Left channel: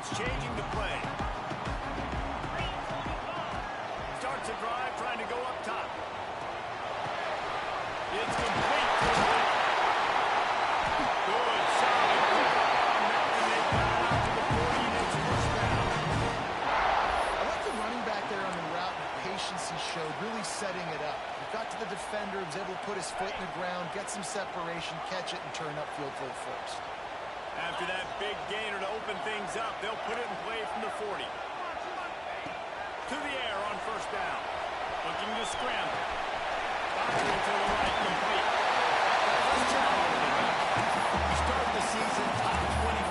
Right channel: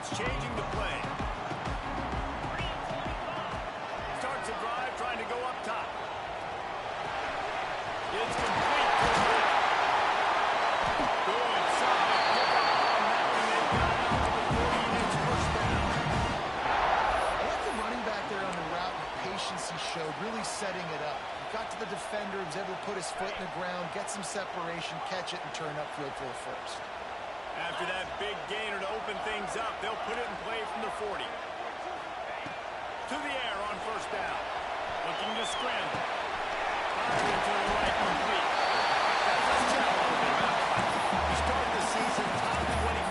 defense changing the play. Starts a drive trying to go up top. It's complete to the right. Good, solid pickup on that one. They got it out to the 40, and it's first down. I like the running back there on the route and the patience he showed, really setting it up. He got to the defender, was able to put his foot in the ground, get some separation, catch it, and turn upfield for the first. After that big gainer to open things up, they'll put it in play from the 40. To the air on first down. Looking to scramble. Fired into the right, complete. Guys, let's chat a little bit about it. We start the season top 25.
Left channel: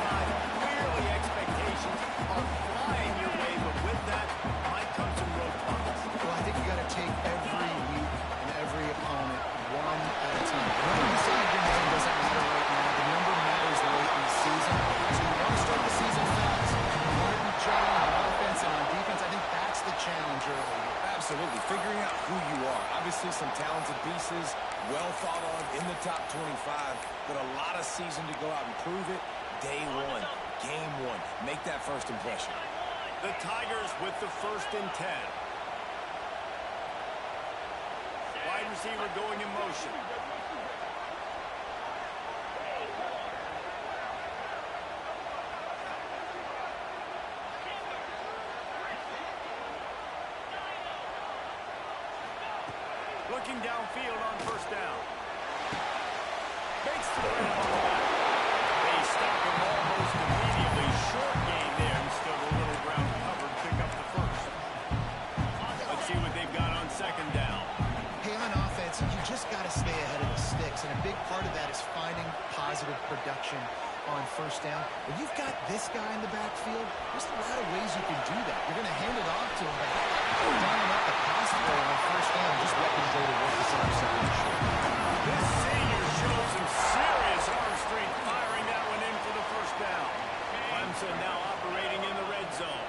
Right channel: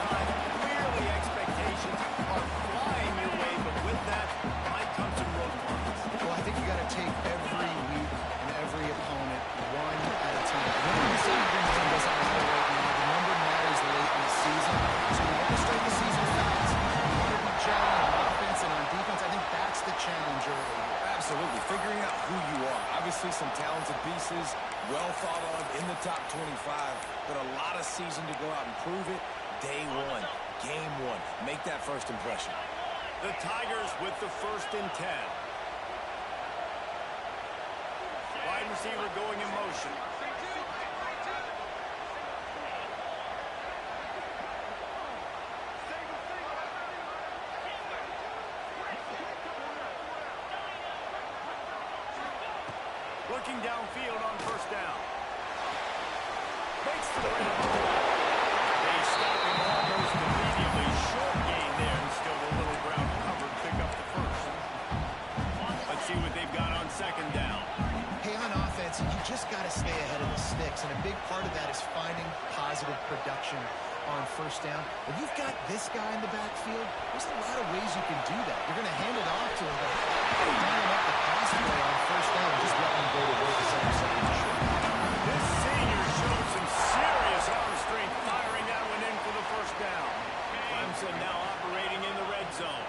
Clearly expectations are flying your way, but with that might come some roadblocks. Well, I think you got to take every week and every opponent one at a time. Winning the season game doesn't matter right now. The number matters late in the season. So you want to start the season fast. You want to be gelling on offense and on defense. I think that's the challenge early here. Absolutely. Figuring out who you are. Obviously some talented pieces, well thought of in the top 25, but a lot of season to go out and prove it. Day one, game one. Make that first impression. The Tigers with the 1st and 10. Wide receiver going in motion. Looking downfield on first down. Makes the grab on the back. They stop him almost immediately. Short gain there, and still a little ground covered. Pick up the first. Let's see what they've got on second down. Hey, on offense, you just got to stay ahead of the sticks, and a big part of that is finding positive production on first down. When you've got this guy in the backfield, there's a lot of ways you can do that. You're going to hand it off to him, but how about dialing up the pass play on first down and just letting him go to work the second and short? This senior showed some serious arm strength, firing that one in for the first down. Clemson now operating in the red zone.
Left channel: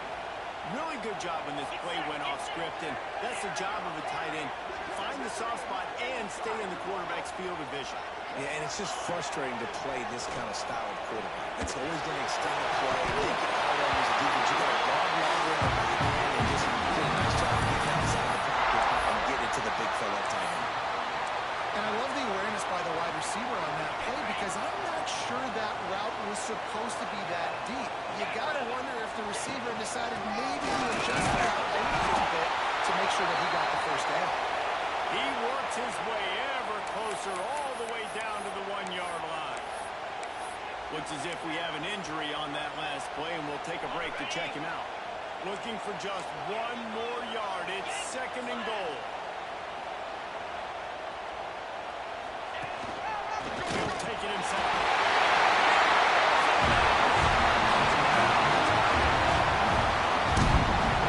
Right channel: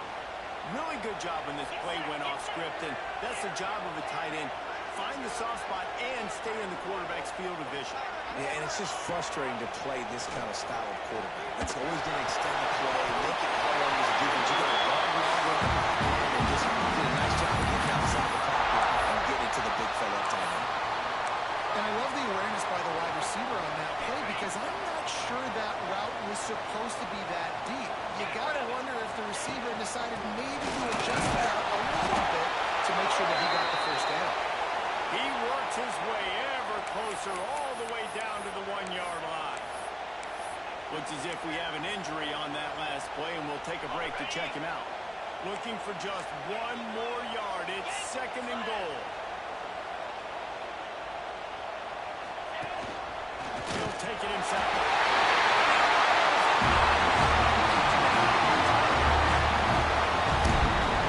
Really good job when this play went off script, and that's the job of a tight end. Find the soft spot and stay in the quarterback's field of vision. Yeah, and it's just frustrating to play this kind of style of quarterback. It's always going to extend the play, make it hard as a defense. You got to guard longer in the back end and just did a nice job of getting outside the pocket and getting it to the big fella tight end. And I love the awareness by the wide receiver on that play because I'm not sure that route was supposed to be that deep. You got to wonder if the receiver decided maybe to adjust the route a little bit to make sure that he got the first down. He works his way ever closer all the way down to the 1-yard line. Looks as if we have an injury on that last play, and we'll take a break to check him out. Looking for just one more yard. It's second and goal. He'll take it himself.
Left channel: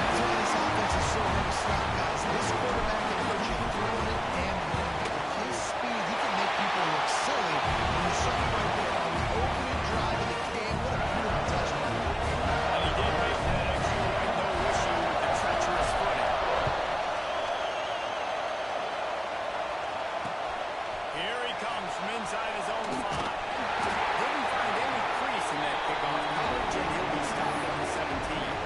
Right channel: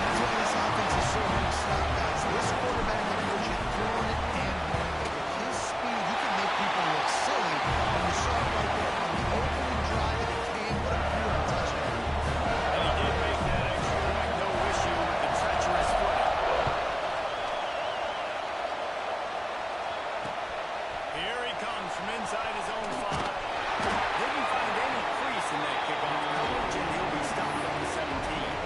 That's why this offense is so hard to stop, guys. This quarterback can hurt you throwing it and running it. With his speed, he can make people look silly. And you saw it right there on the opening drive of the game. What a beautiful touchdown. And he did make that extra point, no issue with the treacherous footing. Here he comes from inside his own 5. Didn't find any crease in that kickoff coverage, and he'll be stopped at the 17.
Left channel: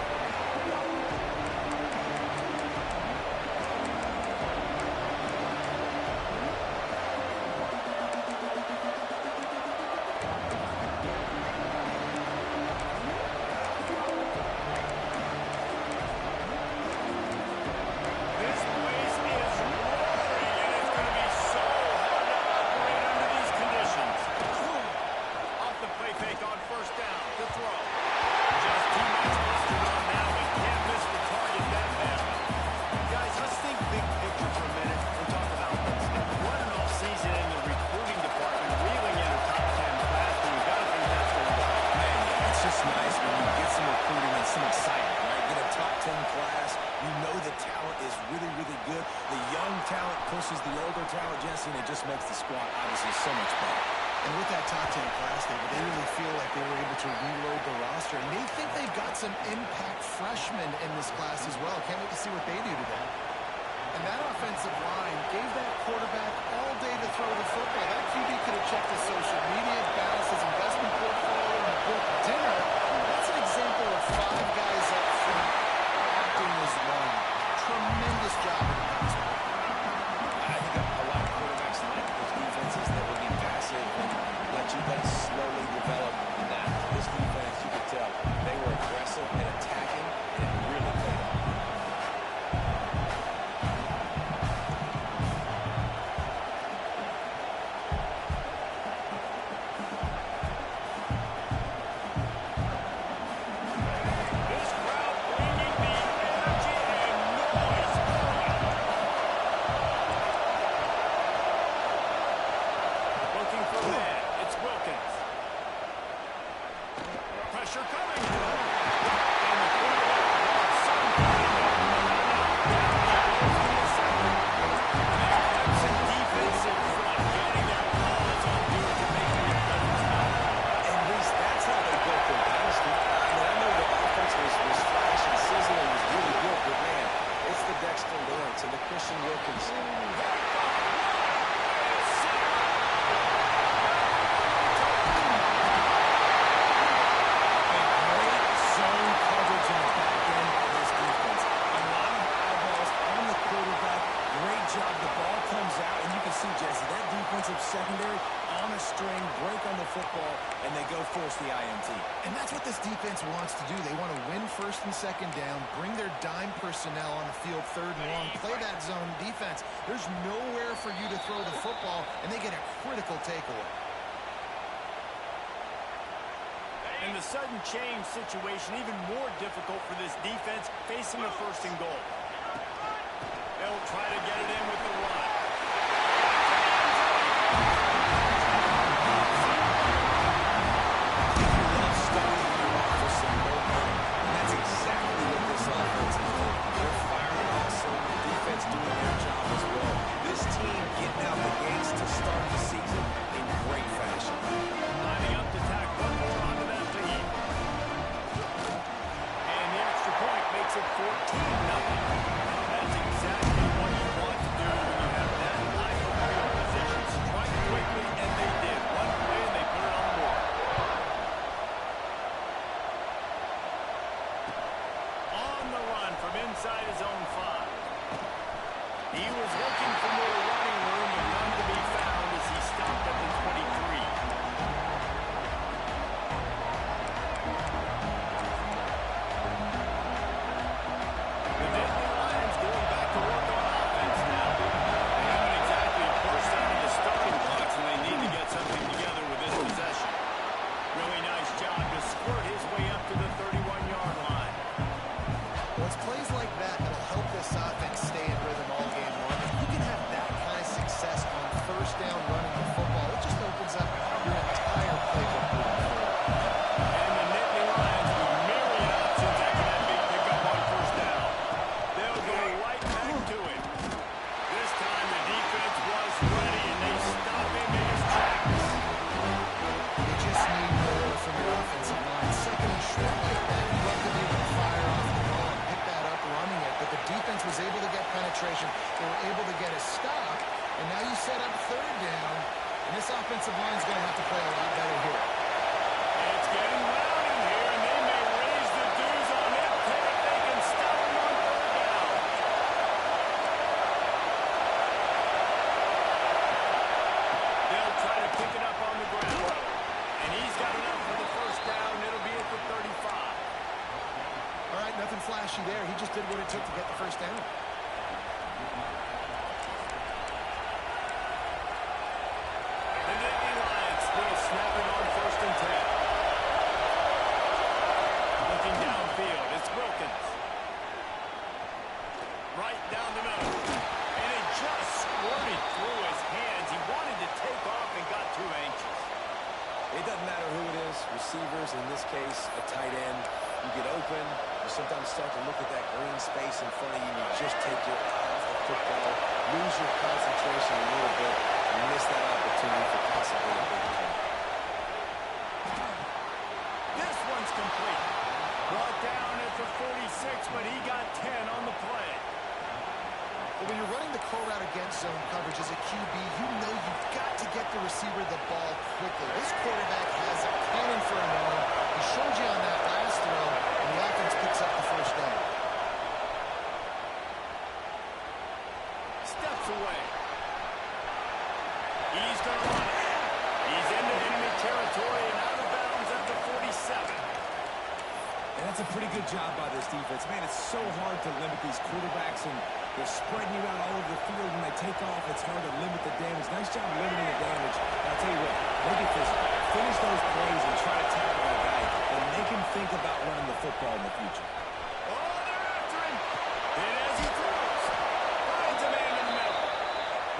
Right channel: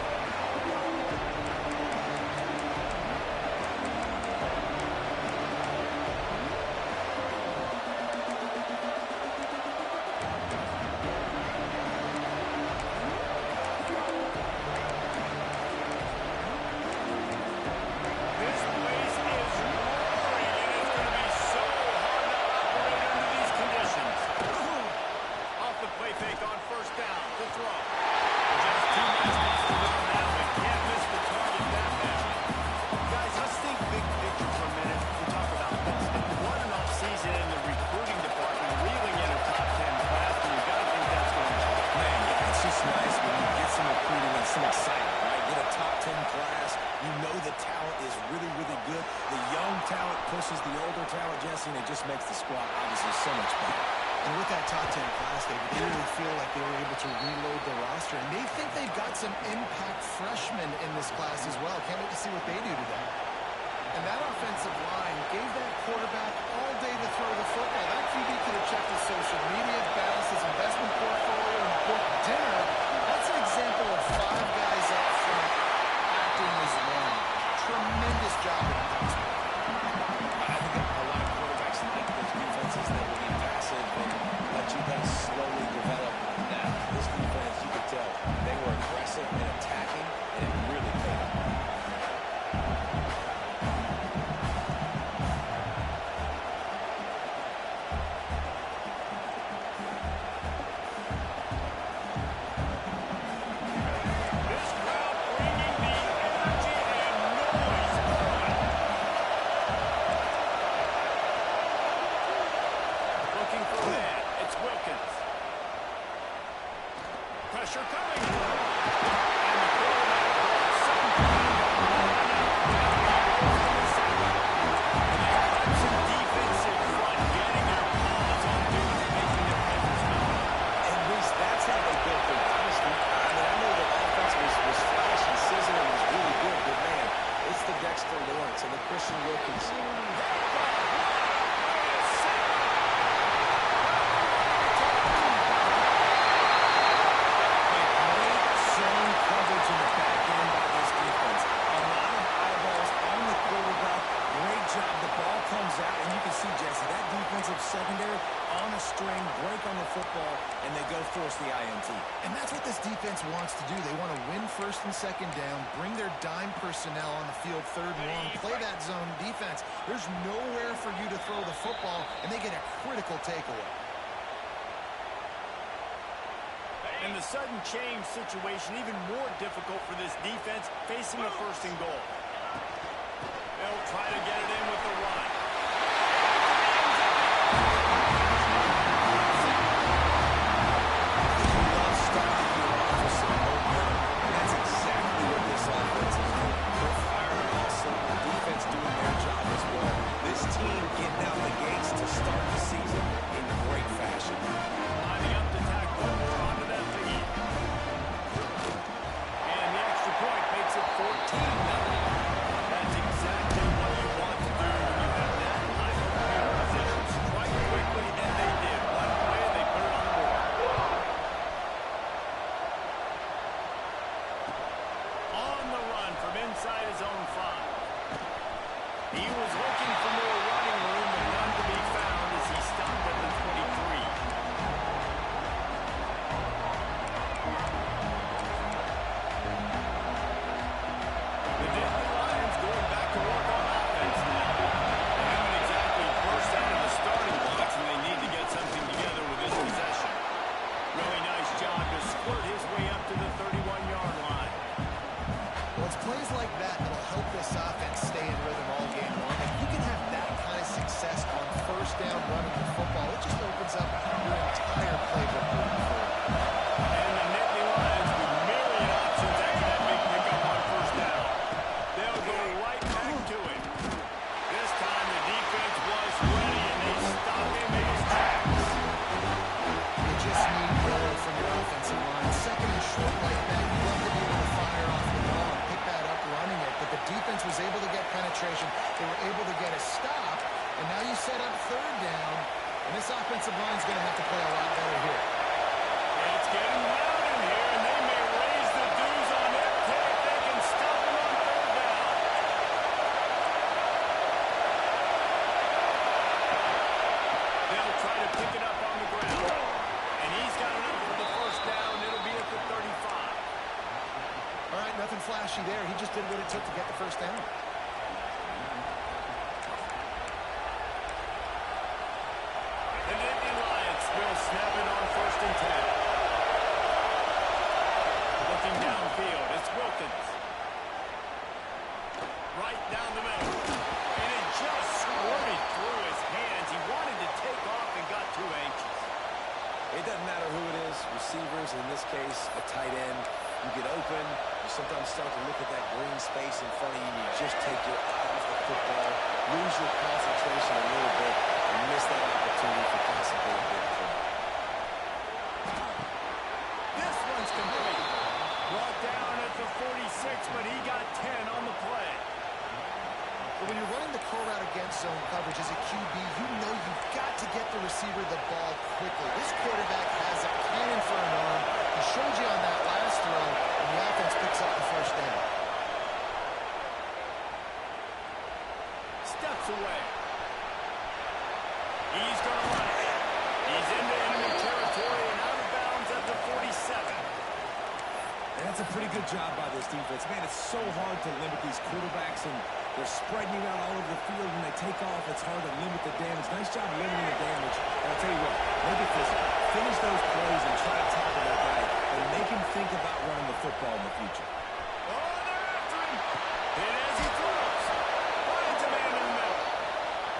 Pushes the older talent, Jesse, and it just makes the squad obviously so much better. And with that top 10 class, David, they really feel like they were able to reload the roster, and they think they've got some impact freshmen in this class as well. Can't wait to see what they do today. And that offensive line gave that quarterback all day to throw the football. That QB could have checked his social media, balanced his investment portfolio, and booked dinner. That's an example of 5 guys up front acting as one. Tremendous job in the pass play. I think a lot of quarterbacks like those defenses that will be passive and let it slowly develop. Now, this defense, you could tell, they were aggressive and attacking, and it really paid off. This crowd bringing the energy and noise early. Looking for a man. It's Wilkins. Pressure coming. And the quarterback brought some kind of run out down the road from the center. And that Clemson defense in front, getting their paws on dudes and making their presence known. And, Reese, that's how they built their dynasty. I mean, I know the offense was flash and sizzling, was really good, but, man, it's the Dexter Lawrence and the Christian Wilkins. In the back end by this defense. A lot of eyeballs on the quarterback. Great job. The ball comes out, and you can see, Jesse, that defensive secondary on a string, break on the football, and they go force the INT. And that's what this defense wants to do. They want to win first and second down, bring their dime personnel on the field third and long, play that zone defense. There's nowhere for you to throw the football, and they get a critical takeaway. And the sudden change situation even more difficult for this defense facing a first and goal. They'll try to get it in with the run. You love starting the year off with some momentum, and that's exactly what this offense is doing. They're firing on all cylinders. Defense doing their job as well. This team getting out the gates to start the season in great fashion. Lining up to tack one more onto that lead. And the extra point makes it 14-0. That's exactly what you want to do when you have that type of field position. Strike quickly, and they did. One play, and they put it on the board. On the run from inside his own 5. He was looking for more running room, but none to be found as he stopped at the 23. The Nittany Lions going back to work on offense now. They haven't exactly burst out of the starting blocks, and they need to get something together with this possession. Really nice job to squirt his way up to the 31-yard line. Well, it's plays like that that'll help this offense stay in rhythm all game long. If you can have that kind of success on first down running the football, it just opens up your entire playbook moving forward. And the Nittany Lions with myriad options after that big pickup on first down. They'll go right back to it. This time the defense was ready, and they stop him in his tracks. You just need more from your offensive line. Second and short like that, you love to be able to fire off the ball and pick that up running it, but the defense was able to get penetration. They were able to get a stop, and now you set up third down, and this offensive line is going to have to play a lot better here. It's getting loud in here, and they may raise the dues on it if they can stop him on third down. They'll try to pick it up on the ground. And he's got enough for the first down. It'll be at the 35. All right, nothing flashy there. He just did what it took to get the first down. The Nittany Lions will snap it on first and 10. Looking downfield, it's Wilkins. Right down the middle. And it just squirted through his hands. He wanted to take off and got too anxious. It doesn't matter who it is, receivers, in this case, a tight end. You get open, you sometimes start to look at that green space in front of you, and you just take your eye off the football, lose your concentration a little bit, and miss that opportunity for possibly a big play. This one's complete. Brought down at the 46, but he got 10 on the play. But when you're running the curl route against zone coverage as a QB, you know you've got to get the receiver the ball quickly. This quarterback has a cannon for an arm. He showed you on that last throw, and the offense picks up the first down. Steps away. He's going to run it. He's into enemy territory and out of bounds at the 47. And that's a pretty good job by this defense. Man, it's so hard to limit these quarterbacks, and they're spreading you out all over the field. When they take off, it's hard to limit the damage. Nice job limiting the damage. And I'll tell you what, make it physical. Finish those plays and try to tackle that guy, and make him think about running the football in the future. Oh, they're after him. Hit as he throws. Finds a man in the middle.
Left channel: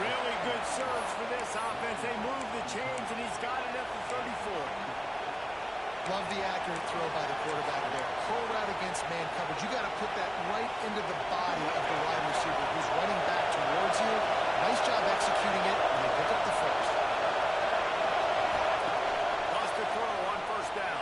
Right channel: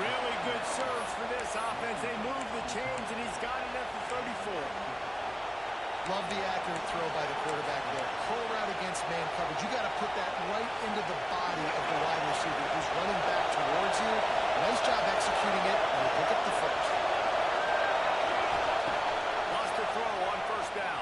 Really good serves for this offense. They move the chains, and he's got it at the 34. Love the accurate throw by the quarterback there. Curl route against man coverage. You got to put that right into the body of the wide receiver who's running back towards you. Nice job executing it, and you pick up the first. Lost a throw on first down.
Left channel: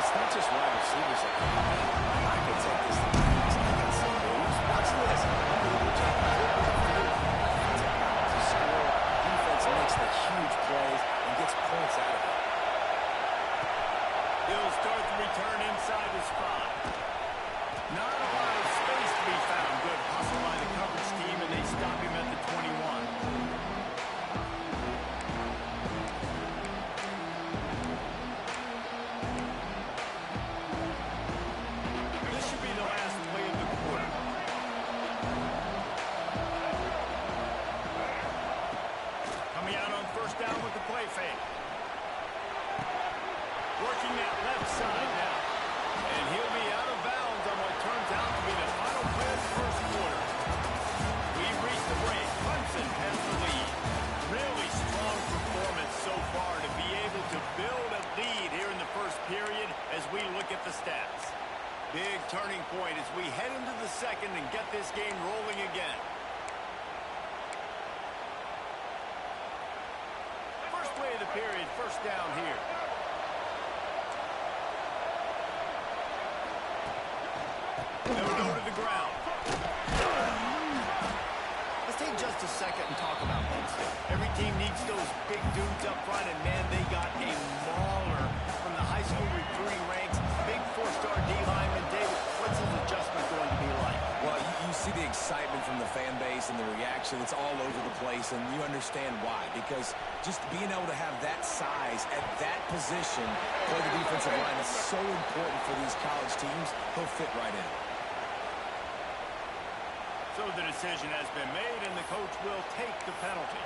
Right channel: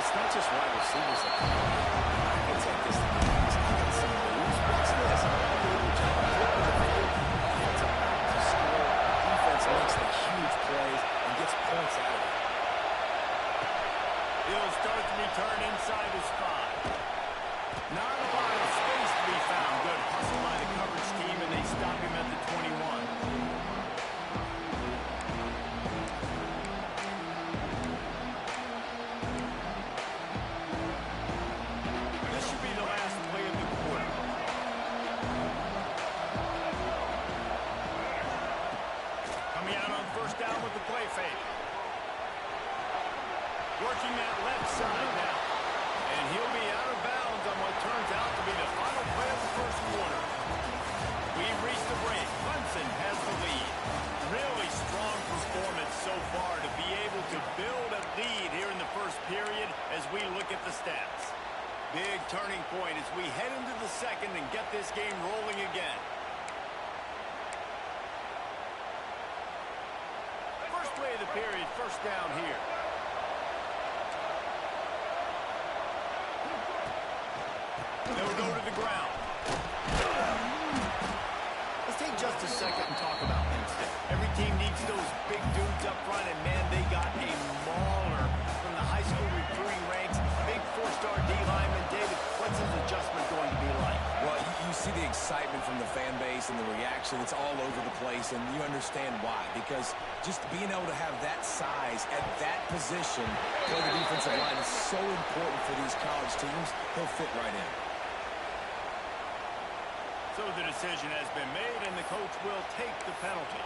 It's not just wide receivers that come on. I can take this to the pass. I got some moves. Watch this. Unbelievable job. Flipping the field. Offense about to score. Defense makes the huge plays and gets points out of it. He'll start the return inside his 5. Not a lot of space to be found. Good hustle by the coverage team, and they stop him at the 21. Down with the play fake. Working that left side now. And he'll be out of bounds on what turns out to be the final play of the first quarter. We've reached the break. Clemson has the lead. Really strong performance so far to be able to build a lead here in the first period as we look at the stats. Big turning point as we head into the second and get this game rolling again. First play of the period, first down here. They'll go to the ground. Let's take just a second and talk about Penn State. Every team needs those big dudes up front, and man, they got a mauler from the high school recruiting ranks. Big 4-star D lineman. David, what's his adjustment going to be like? Well, you see the excitement from the fan base and the reaction. It's all over the place, and you understand why. Because just being able to have that size at that position for the defensive line is so important for these college teams. He'll fit right in. So the decision has been made, and the coach will take the penalty.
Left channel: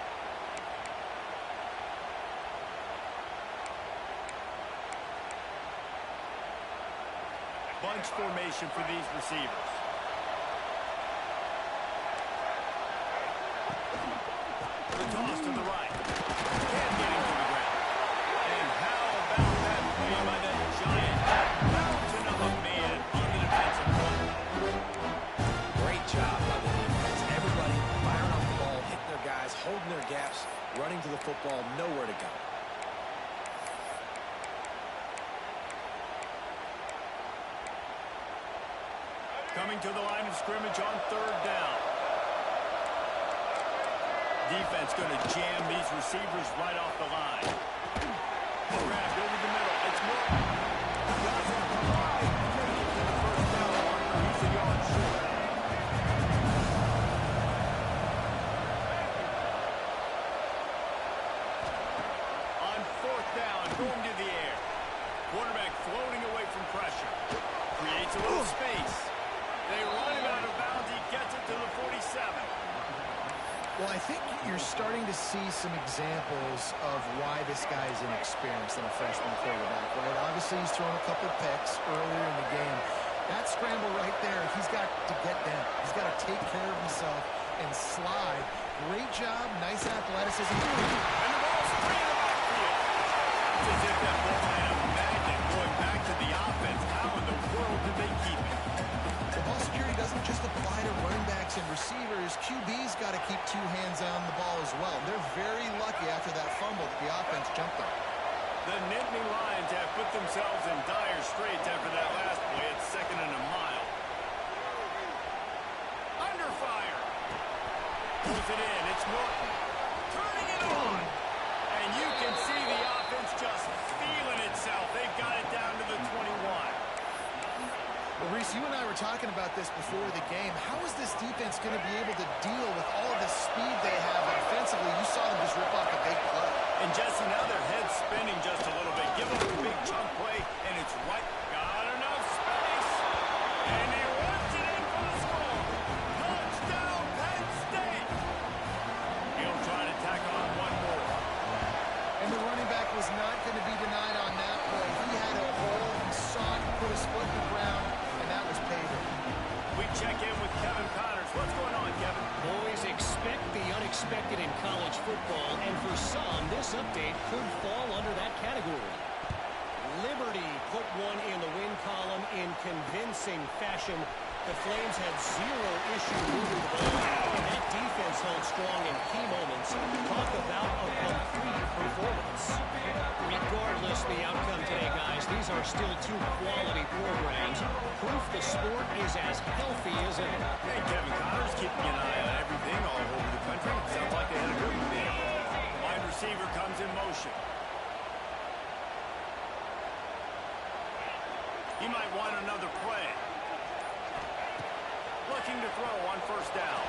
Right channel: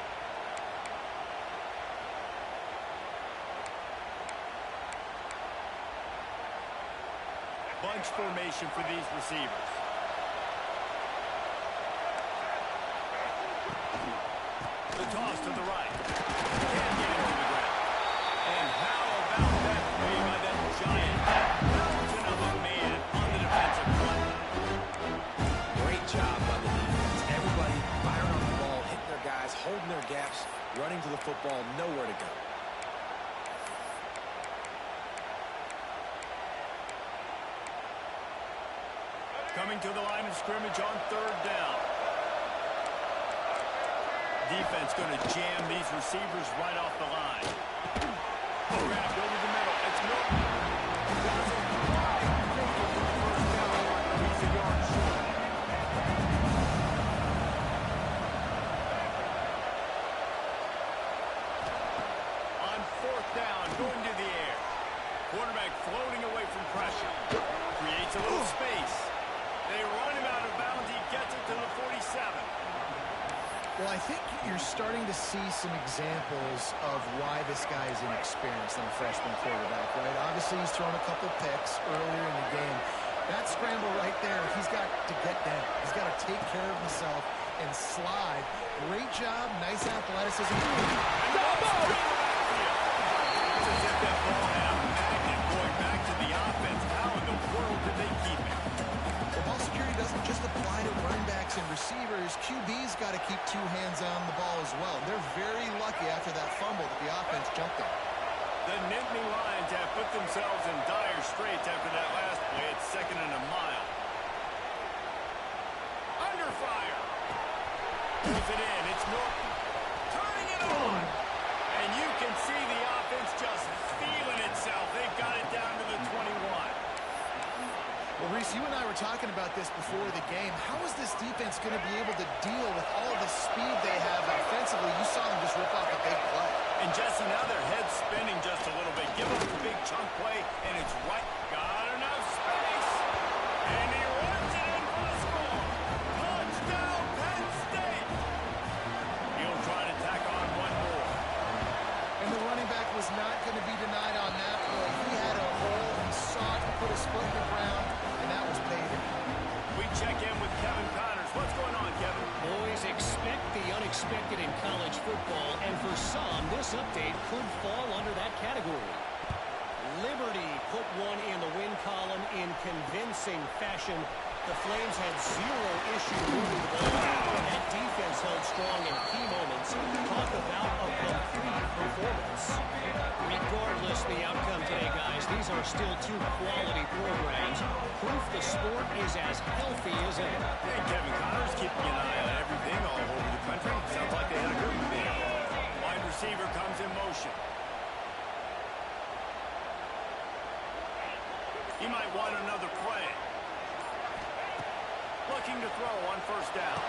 Bunch formation for these receivers. The toss to the right. Can't get him to the ground. And how about that play by that giant, that mountain of a man on the defensive front? Great job by the defense. Everybody firing off the ball, hitting their guys, holding their gaps, running to the football, nowhere to go. Coming to the line of scrimmage on third down. Defense going to jam these receivers right off the line. Grabbed over the middle. It's Norton. Doesn't quite make it to the first down marker. He's a yard short. On fourth down, going to the air. Quarterback floating away from pressure. Creates a little space. They run him out of bounds. He gets it to the 47. Well, I think you're starting to see some examples of why this guy is inexperienced in a freshman quarterback, right? Obviously, he's thrown a couple picks earlier in the game. That scramble right there, he's got to get down. He's got to take care of himself and slide. Great job, nice athleticism. And the ball's free in the backfield. It's as if that ball had a magnet going back to the offense. How in the world did they keep it? The ball security doesn't just apply keep two hands on the ball as well. They're very lucky after that fumble that the offense jumped on. The Nittany Lions have put themselves in dire straits after that last play. It's 2nd and a mile. Under fire. Pulls it in. It's Norton. Turning it on. And you can see the offense just feeling itself. They've got it down to the 21. Well, Reese, you and I were talking about this before the game. How is this defense going to be able to deal with all of the speed they have offensively? You saw them just rip off a big play. And, Jesse, now their head's spinning just a little bit. Give them a big chunk play, and it's right. Got enough space. And he runs it in for the score. Touchdown, Penn State. He'll try to tack on one more. And the running back was not going to be denied on that play. He had a hole. He sought to put his foot in the ground, and that was paydirt. We check in with Kevin Connors. What's going on, Kevin? Boys, expect the unexpected in college football, and for some, this update could fall under that category. Liberty put one in the win column in convincing fashion. The Flames had zero issue moving the ball out, and that defense held strong in key moments. Talk about a complete performance. Regardless the outcome today, guys, these are still two quality programs. Proof the sport is as healthy as ever. And Kevin Connors keeping an eye on everything all over the country. Sounds like they had a good one there. Wide receiver comes in motion. He might want another play. Looking to throw on 1st down.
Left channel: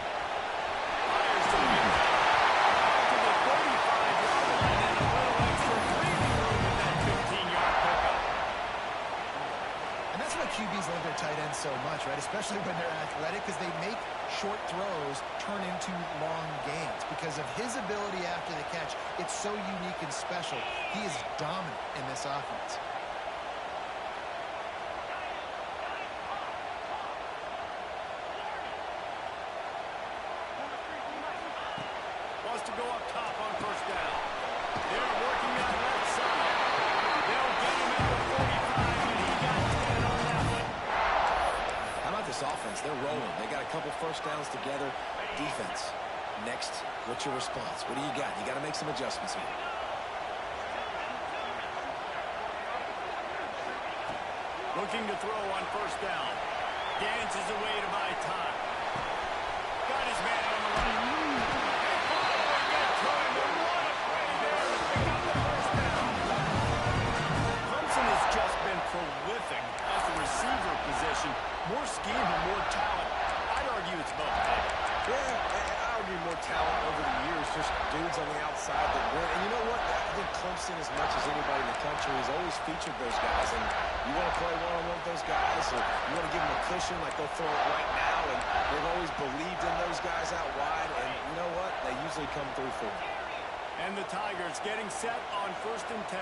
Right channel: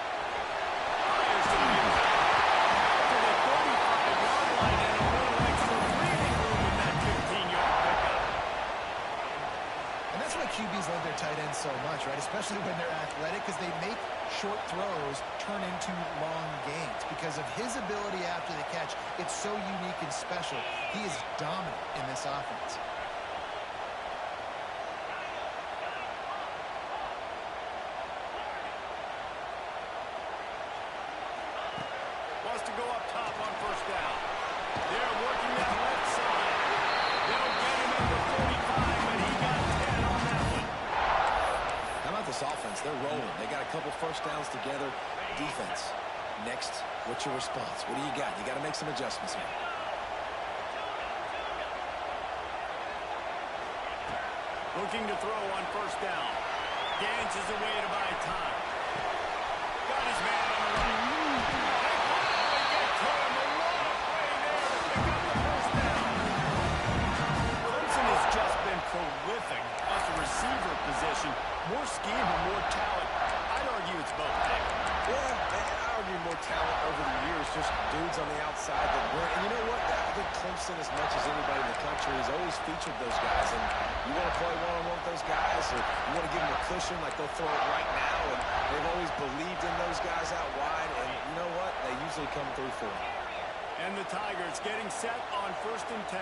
Fires to the midfield. Out to the 35-yard line and a little extra breathing room with that 15-yard pickup. And that's why QBs love their tight ends so much, right? Especially when they're athletic, because they make short throws turn into long gains. Because of his ability after the catch, it's so unique and special. He is dominant in this offense. To go up top on 1st down. They're working that left side. They'll get him at the 45, but he got 10 on that one. How about this offense? They're rolling. They got a couple 1st downs together. Defense. Next, what's your response? What do you got? You got to make some adjustments here. Looking to throw on 1st down. Dances away to buy time. Got his man on the right. Clemson has just been prolific at the receiver position. More scheme or more talent? I'd argue it's both, David. Yeah, I argue more talent over the years, just dudes on the outside that win. And you know what? I think Clemson, as much as anybody in the country, has always featured those guys. And you want to play one-on-one with those guys, or you want to give them a cushion, like they'll throw it right now. And they've always believed in those guys out wide. And you know what? They usually come through for them. And the Tigers getting set on 1st and 10.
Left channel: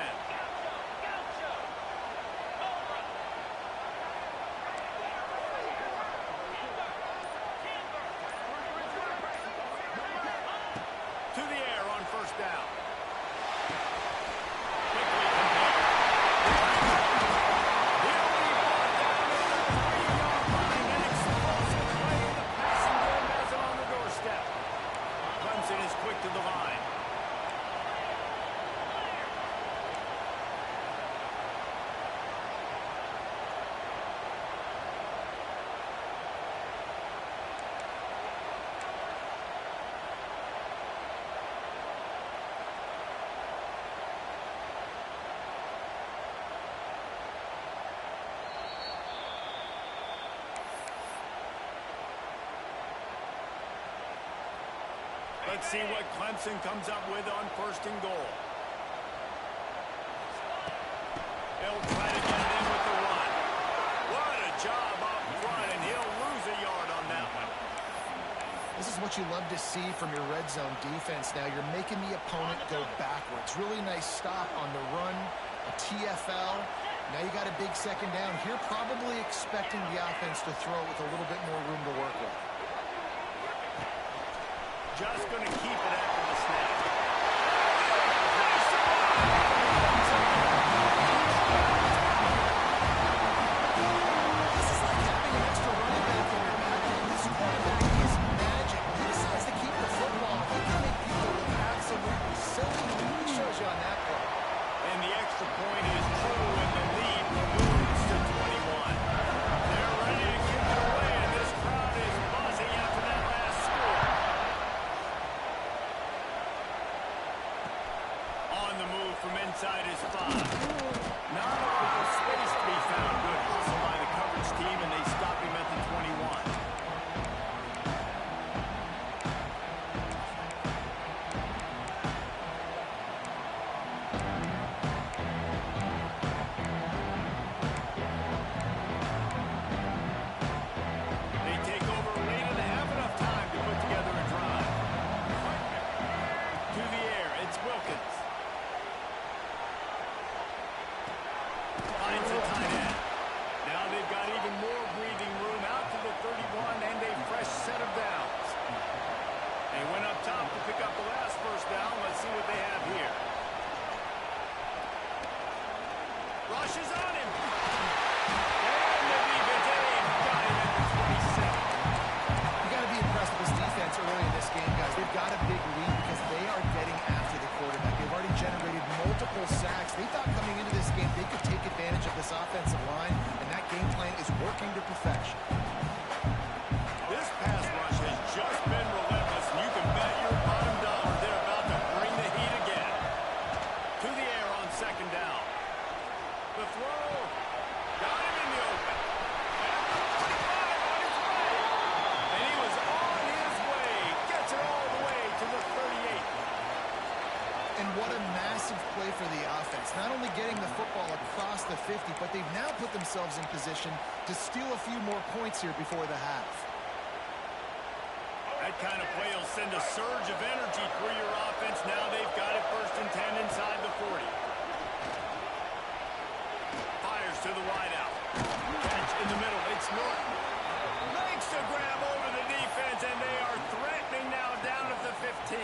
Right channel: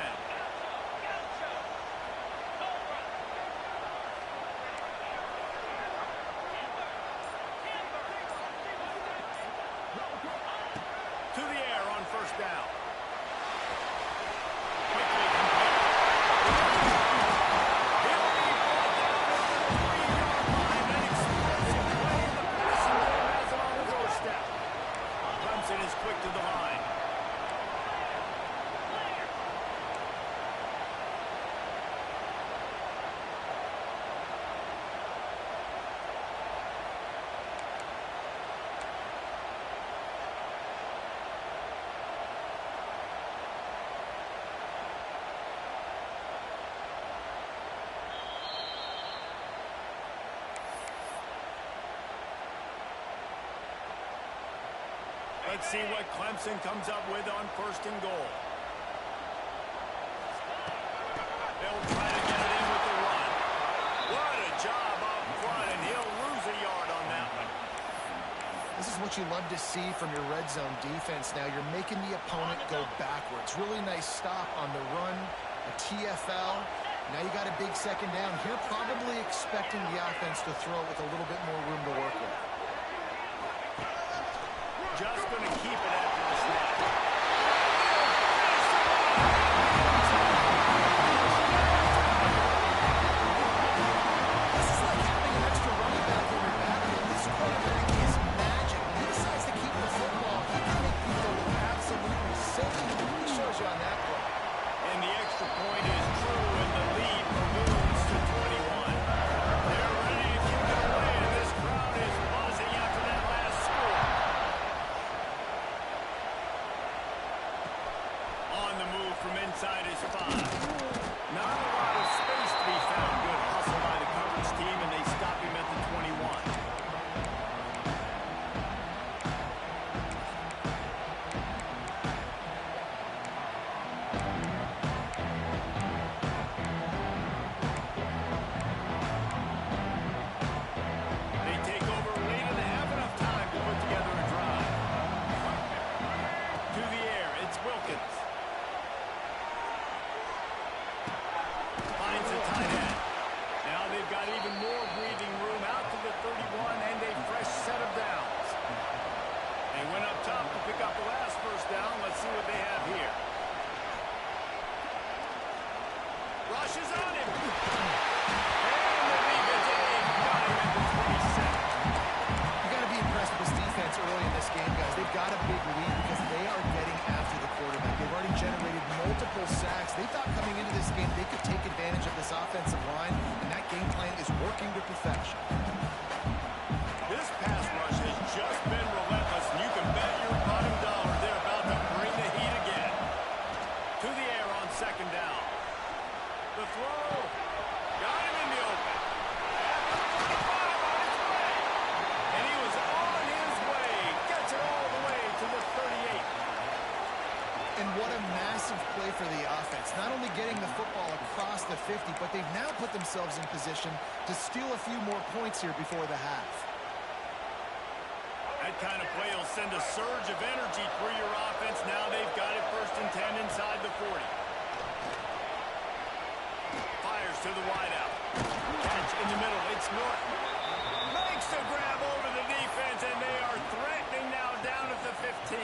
To the air on 1st down. Quickly compared. He'll be brought down at the 3-yard line. An explosive play in the passing game has it on the doorstep. Clemson is quick to the line. Let's see what Clemson comes up with on 1st and goal. They'll try to get it in with the run. What a job up front, and he'll lose a yard on that one. This is what you love to see from your red zone defense now. You're making the opponent go backwards. Really nice stop on the run, a TFL. Now you got a big 2nd down. Here probably expecting the offense to throw it with a little bit more room to work with. Just going to keep it after the snap. This is like having an extra running back in your backfield. This quarterback is magic. He decides to keep the football. got even more breathing room out to the 31 and a fresh set of downs. They went up top to pick up the last first down. Let's see what they have here. Rushes on him. And the defense got him at the 27. You got to be impressed with this defense early in this game, guys. They've got a big lead because they are getting after the quarterback. They've already generated multiple sacks. They thought coming into this game they could take advantage of this offensive line, and that game plan is working to perfection. This pass rush has just been relentless, and you can bet your bottom dollar they're about to bring the heat again. To the air on second down. The throw. Got him in the open. At the 45 on his way. And he was on his way. Gets it all the way to the 38. And what a massive play for the offense. Not only getting the football across the 50, but they've now put themselves in position to steal a few more points here before the half. That kind of play will send a surge of energy through your offense. Now they've got it 1st and 10 inside the 40. Fires to the wideout. Catch in the middle. It's Norton. Makes a grab over the defense, and they are threatening now down at the 15.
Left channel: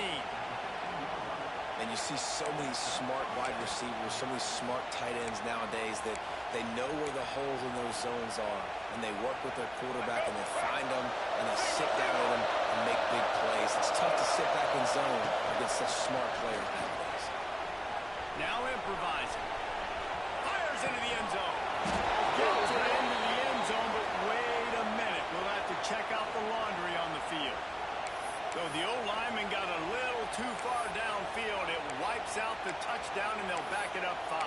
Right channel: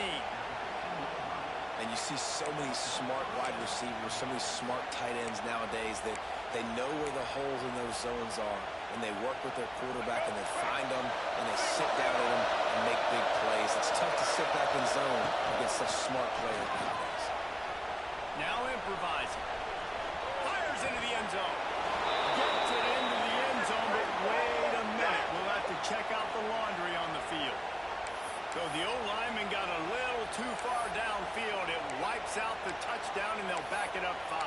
And you see so many smart wide receivers, so many smart tight ends nowadays that they know where the holes in those zones are, and they work with their quarterback, and they find them, and they sit down at them and make big plays. It's tough to sit back in zone against such smart players nowadays. Now improvising. Fires into the end zone. Gets it into the end zone, but wait a minute. We'll have to check out the laundry on the field. So the O-lineman got a little too far downfield. It wipes out the touchdown, and they'll back it up 5.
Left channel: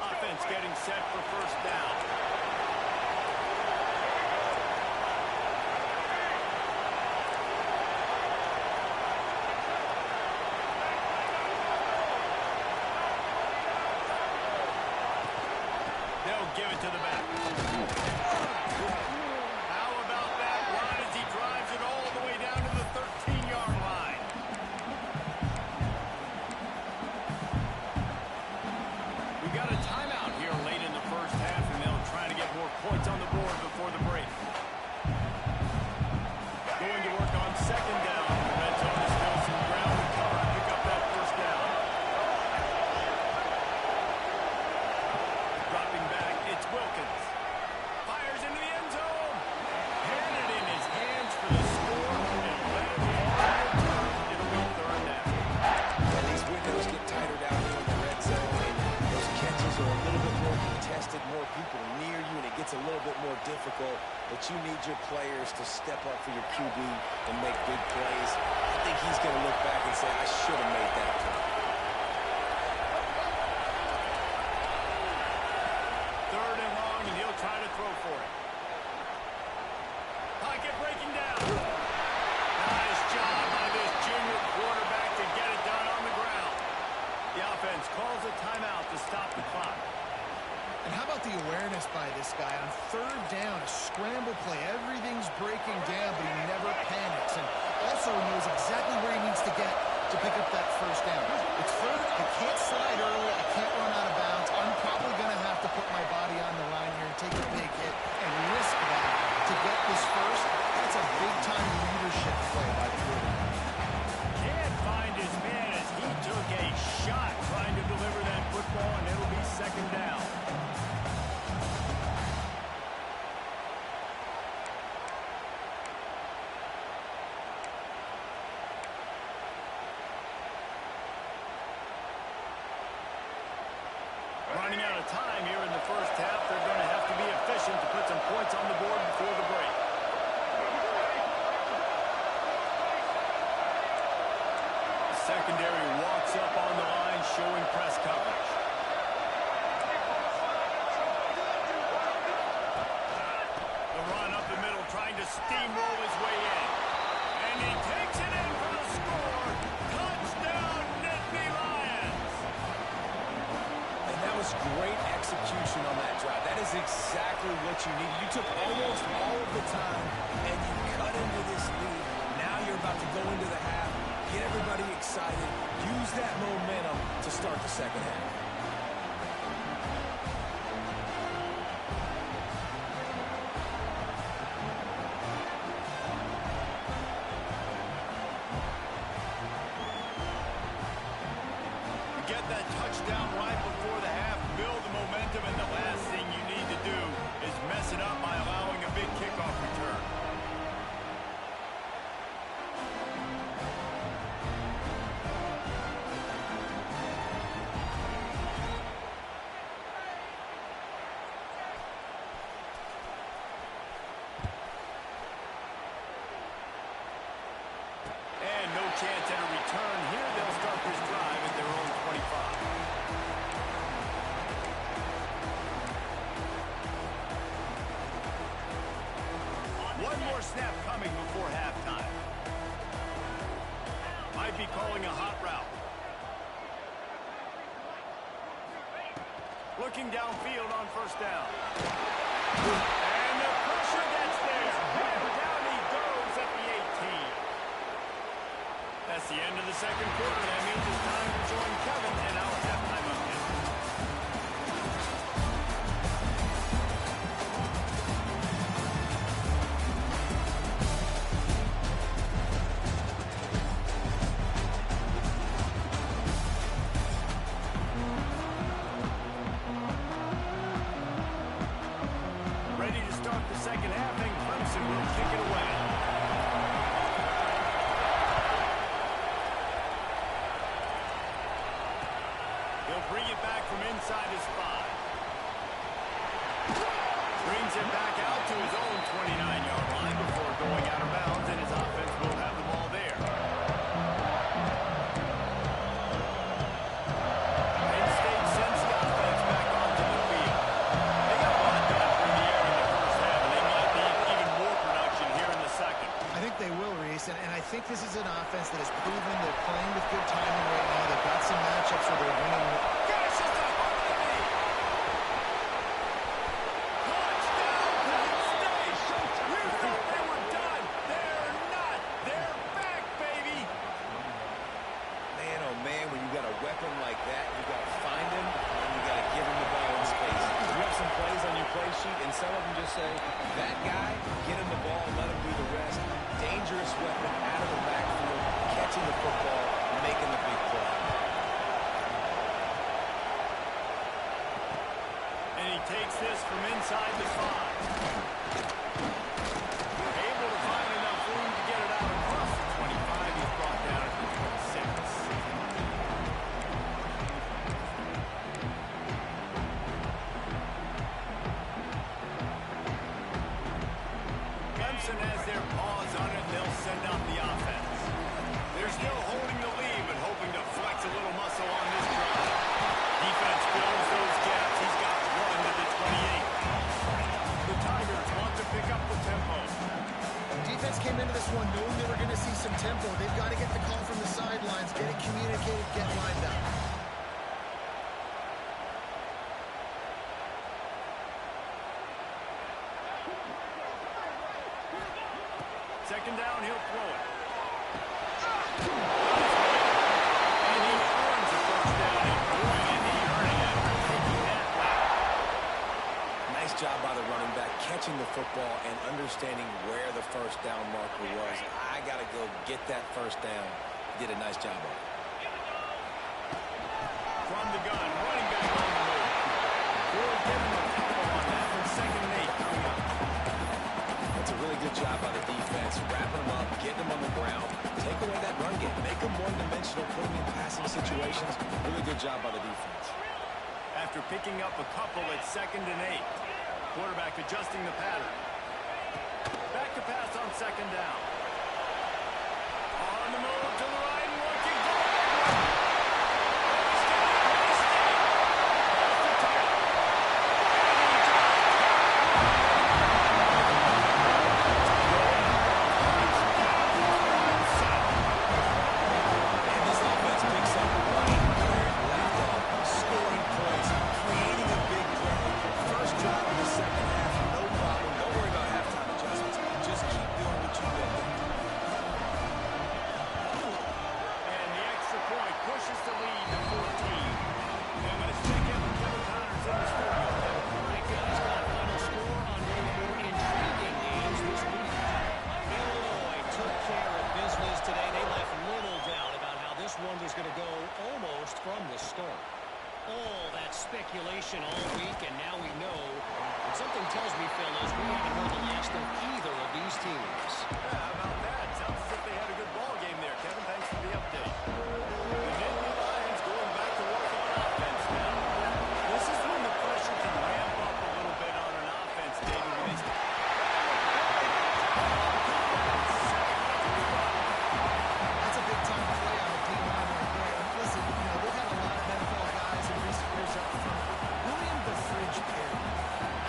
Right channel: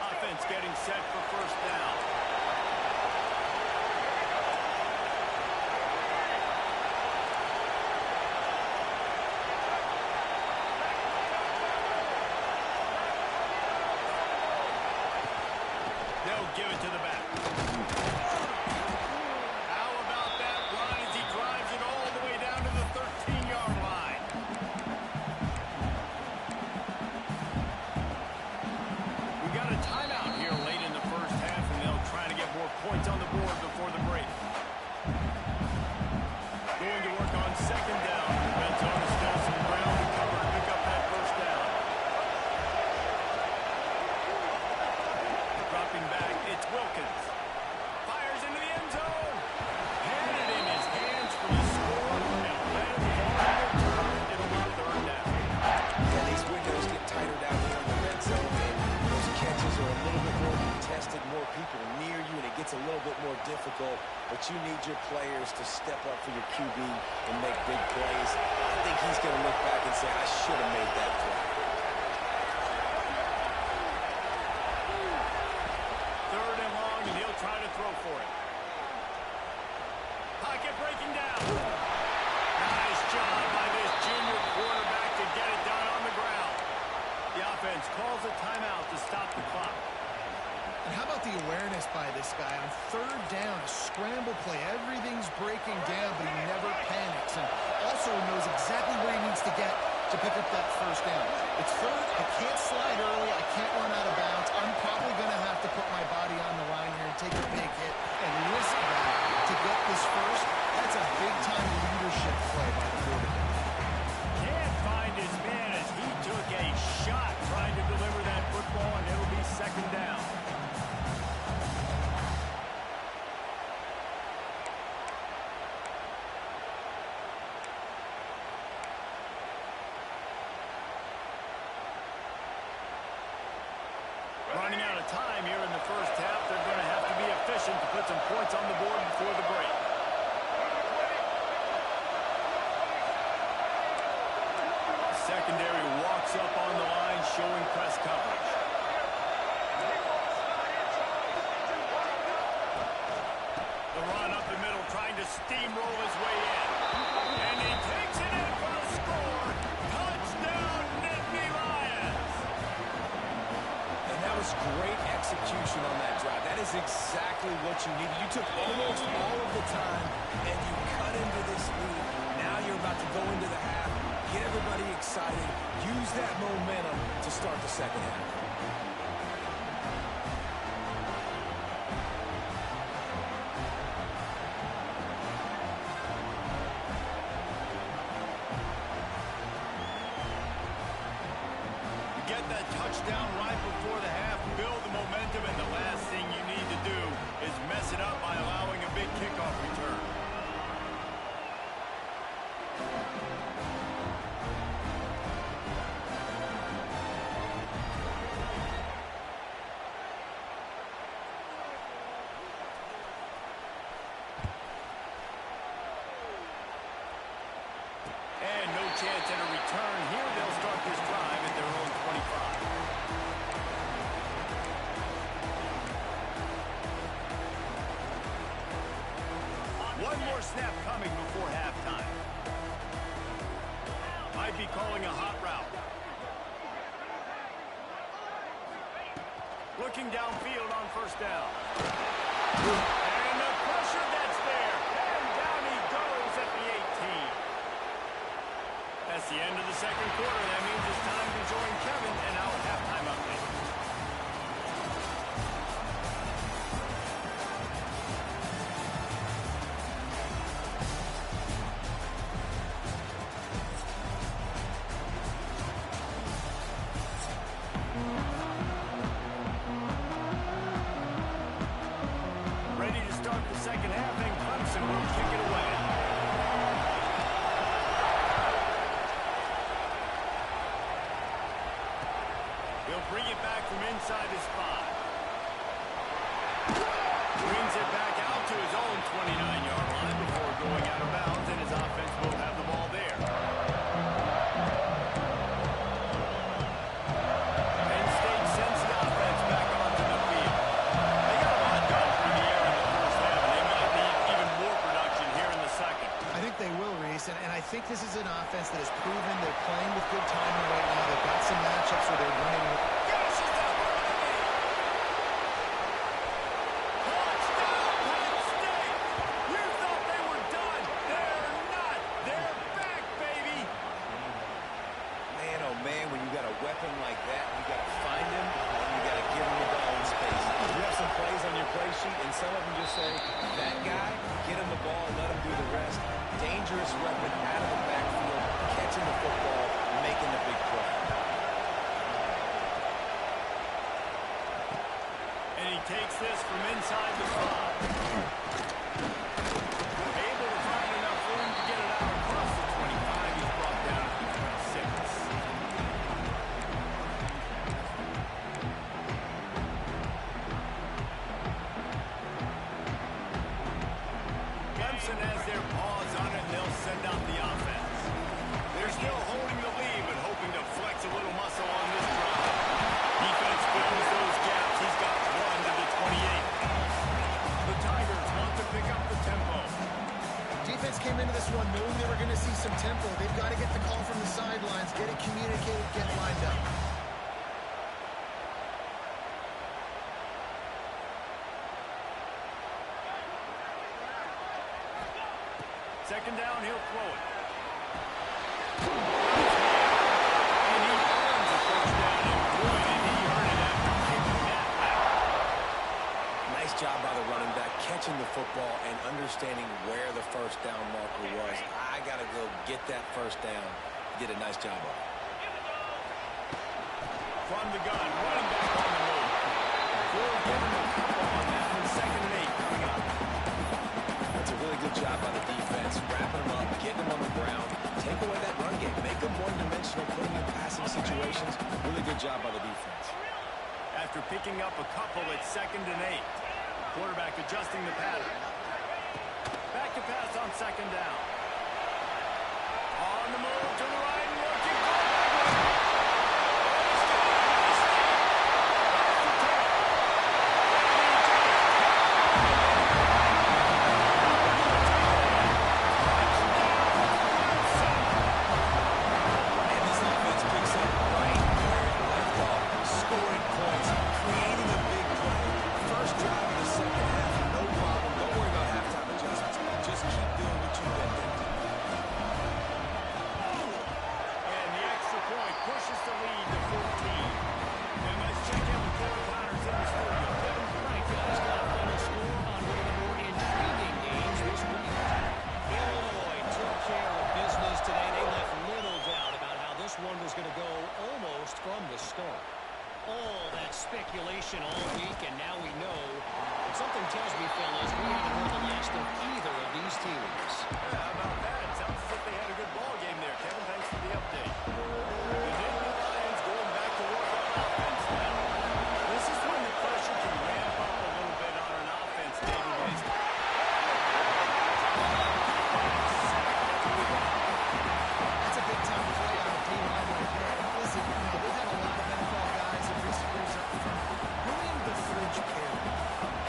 Offense getting set for first down. They'll give it to the back. How about that run as he drives it all the way down to the 13-yard line? We got a timeout here late in the first half, and they'll try to get more points on the board before the break. Going to work on second down. The red zone is still some ground to cover to pick up that first down. Dropping back, it's Wilkins. Fires into the end zone. Had it in his hands for the score, and let it fall in return. It'll be third down. And these windows get tighter down here in the red zone, and those catches are a little bit more contested, more people near you, and it gets a little bit more difficult. But you need your players to step up for your QB and make big plays. I think he's going to look back and say, I should have made that play. Third and long, and he'll try to throw for it. Pocket breaking down. Nice job by this junior quarterback to get it done on the ground. The offense calls a timeout to stop the clock. And how about the awareness by this guy on third down, a scramble play. Everything's breaking down, but he never panics and also knows exactly where he needs to get to pick up that first down. It's third. I can't slide early. I can't run out of bounds. I'm probably going to have to put my body on the line here and take a big hit and risk that to get this first. That's a big-time leadership play by the quarterback. Can't find his man as he took a shot trying to deliver that football, and it'll be second down. Running out of time here in the first half. They're going to have to be efficient to put some points on the board before the break. The secondary walks up on the line, showing press coverage. The run up the middle, trying to steamroll his way in. And he takes it in for the score. Touchdown, Nittany Lions. And that was great execution on that drive. That is exactly what you needed. You took almost all of the time, and you cut into this lead. Now you're about to go into the half, get everybody excited, use that momentum to start the second half. Get that touchdown right before the half, build the momentum, and the last thing you need to do is mess it up by allowing a big kickoff return. And no chance at a return here. They'll start this drive at their own 25. One more snap coming before halftime. Might be calling a hot route. Looking downfield on first down. And the pressure gets there. And down he goes at the 18. That's the end of the second quarter. That means it's time to join Kevin and our halftime update. Ready to start the second half, and Clemson will kick it away. He'll bring it back from inside his 5. Brings it back out to his own 29-yard line before going out of bounds, and his offense will have the ball there. Penn State sends the offense back onto the field. They got a lot done through the air in the first half, and they might need even more production here in the second. I think they will, Reese, and I think this is an offense that has proven they're playing with good timing right now. They've got some matchups where they're winning. Gashes the heart of the knee. Touchdown, Penn State. You thought they were done. They're not. They're back, baby. Man, oh man, when you got a weapon like that, you got to find him, and you got to give him the ball in space. You have some plays on your play sheet, and some of them just say, that guy, get him the ball, let him do the rest. Dangerous weapon out of the backfield, catching the football, making the big play. And he takes this from inside the 5. Able to find enough room to get it out across the 25. He's brought down at the 26. Clemson has their paws on it, and they'll send out the offense. They're still holding the lead, but hoping to flex a little muscle on this drive. Defense fills those gaps. He's got one to the 28. The Tigers want to pick up the tempo. Defense came into this one knowing they were going to see some tempo. They've got to get the call from the sidelines, get it communicated, get lined up. Second down, he'll throw it. And he earns a first down. And boy, did he earn it after taking that lap. Nice job by the running back, catching the football and understanding where the first down marker was. I got to go get that first down. He did a nice job of it. From the gun, running back on the move. We'll give him a couple on that one. 2nd and 8 coming up. That's a really good job by the defense, wrapping them up, getting them on the ground, take away that run game, make them one-dimensional, put them in passing situations. Really good job by the defense. After picking up a couple, it's 2nd and 8. Quarterback adjusting the pattern. Back to pass on 2nd down. On the move to the right and looking for a big one. Oh, he's getting it hasty. That's the tackle. And he just kept running. Touchdown, Clemson. And this offense picks up right where it left off, scoring points, creating a big play. First drive of the second half, no problem. Don't worry about halftime adjustments. Just keep doing what you've been doing. is going to go almost from the start. All that speculation all week, and now we know. And something tells me, fellas, we haven't heard the last of either of these teams. Yeah, how about that? Sounds as if they had a good ball game there, Kevin. Thanks for the update. The Nittany Lions going back to work on offense now. This is when the pressure can ramp up a little bit on an offense, David. When it's That's a big-time play on the D-line right there. And listen, they've had a lot of NFL guys in recent years up front. William the Fridge Perry,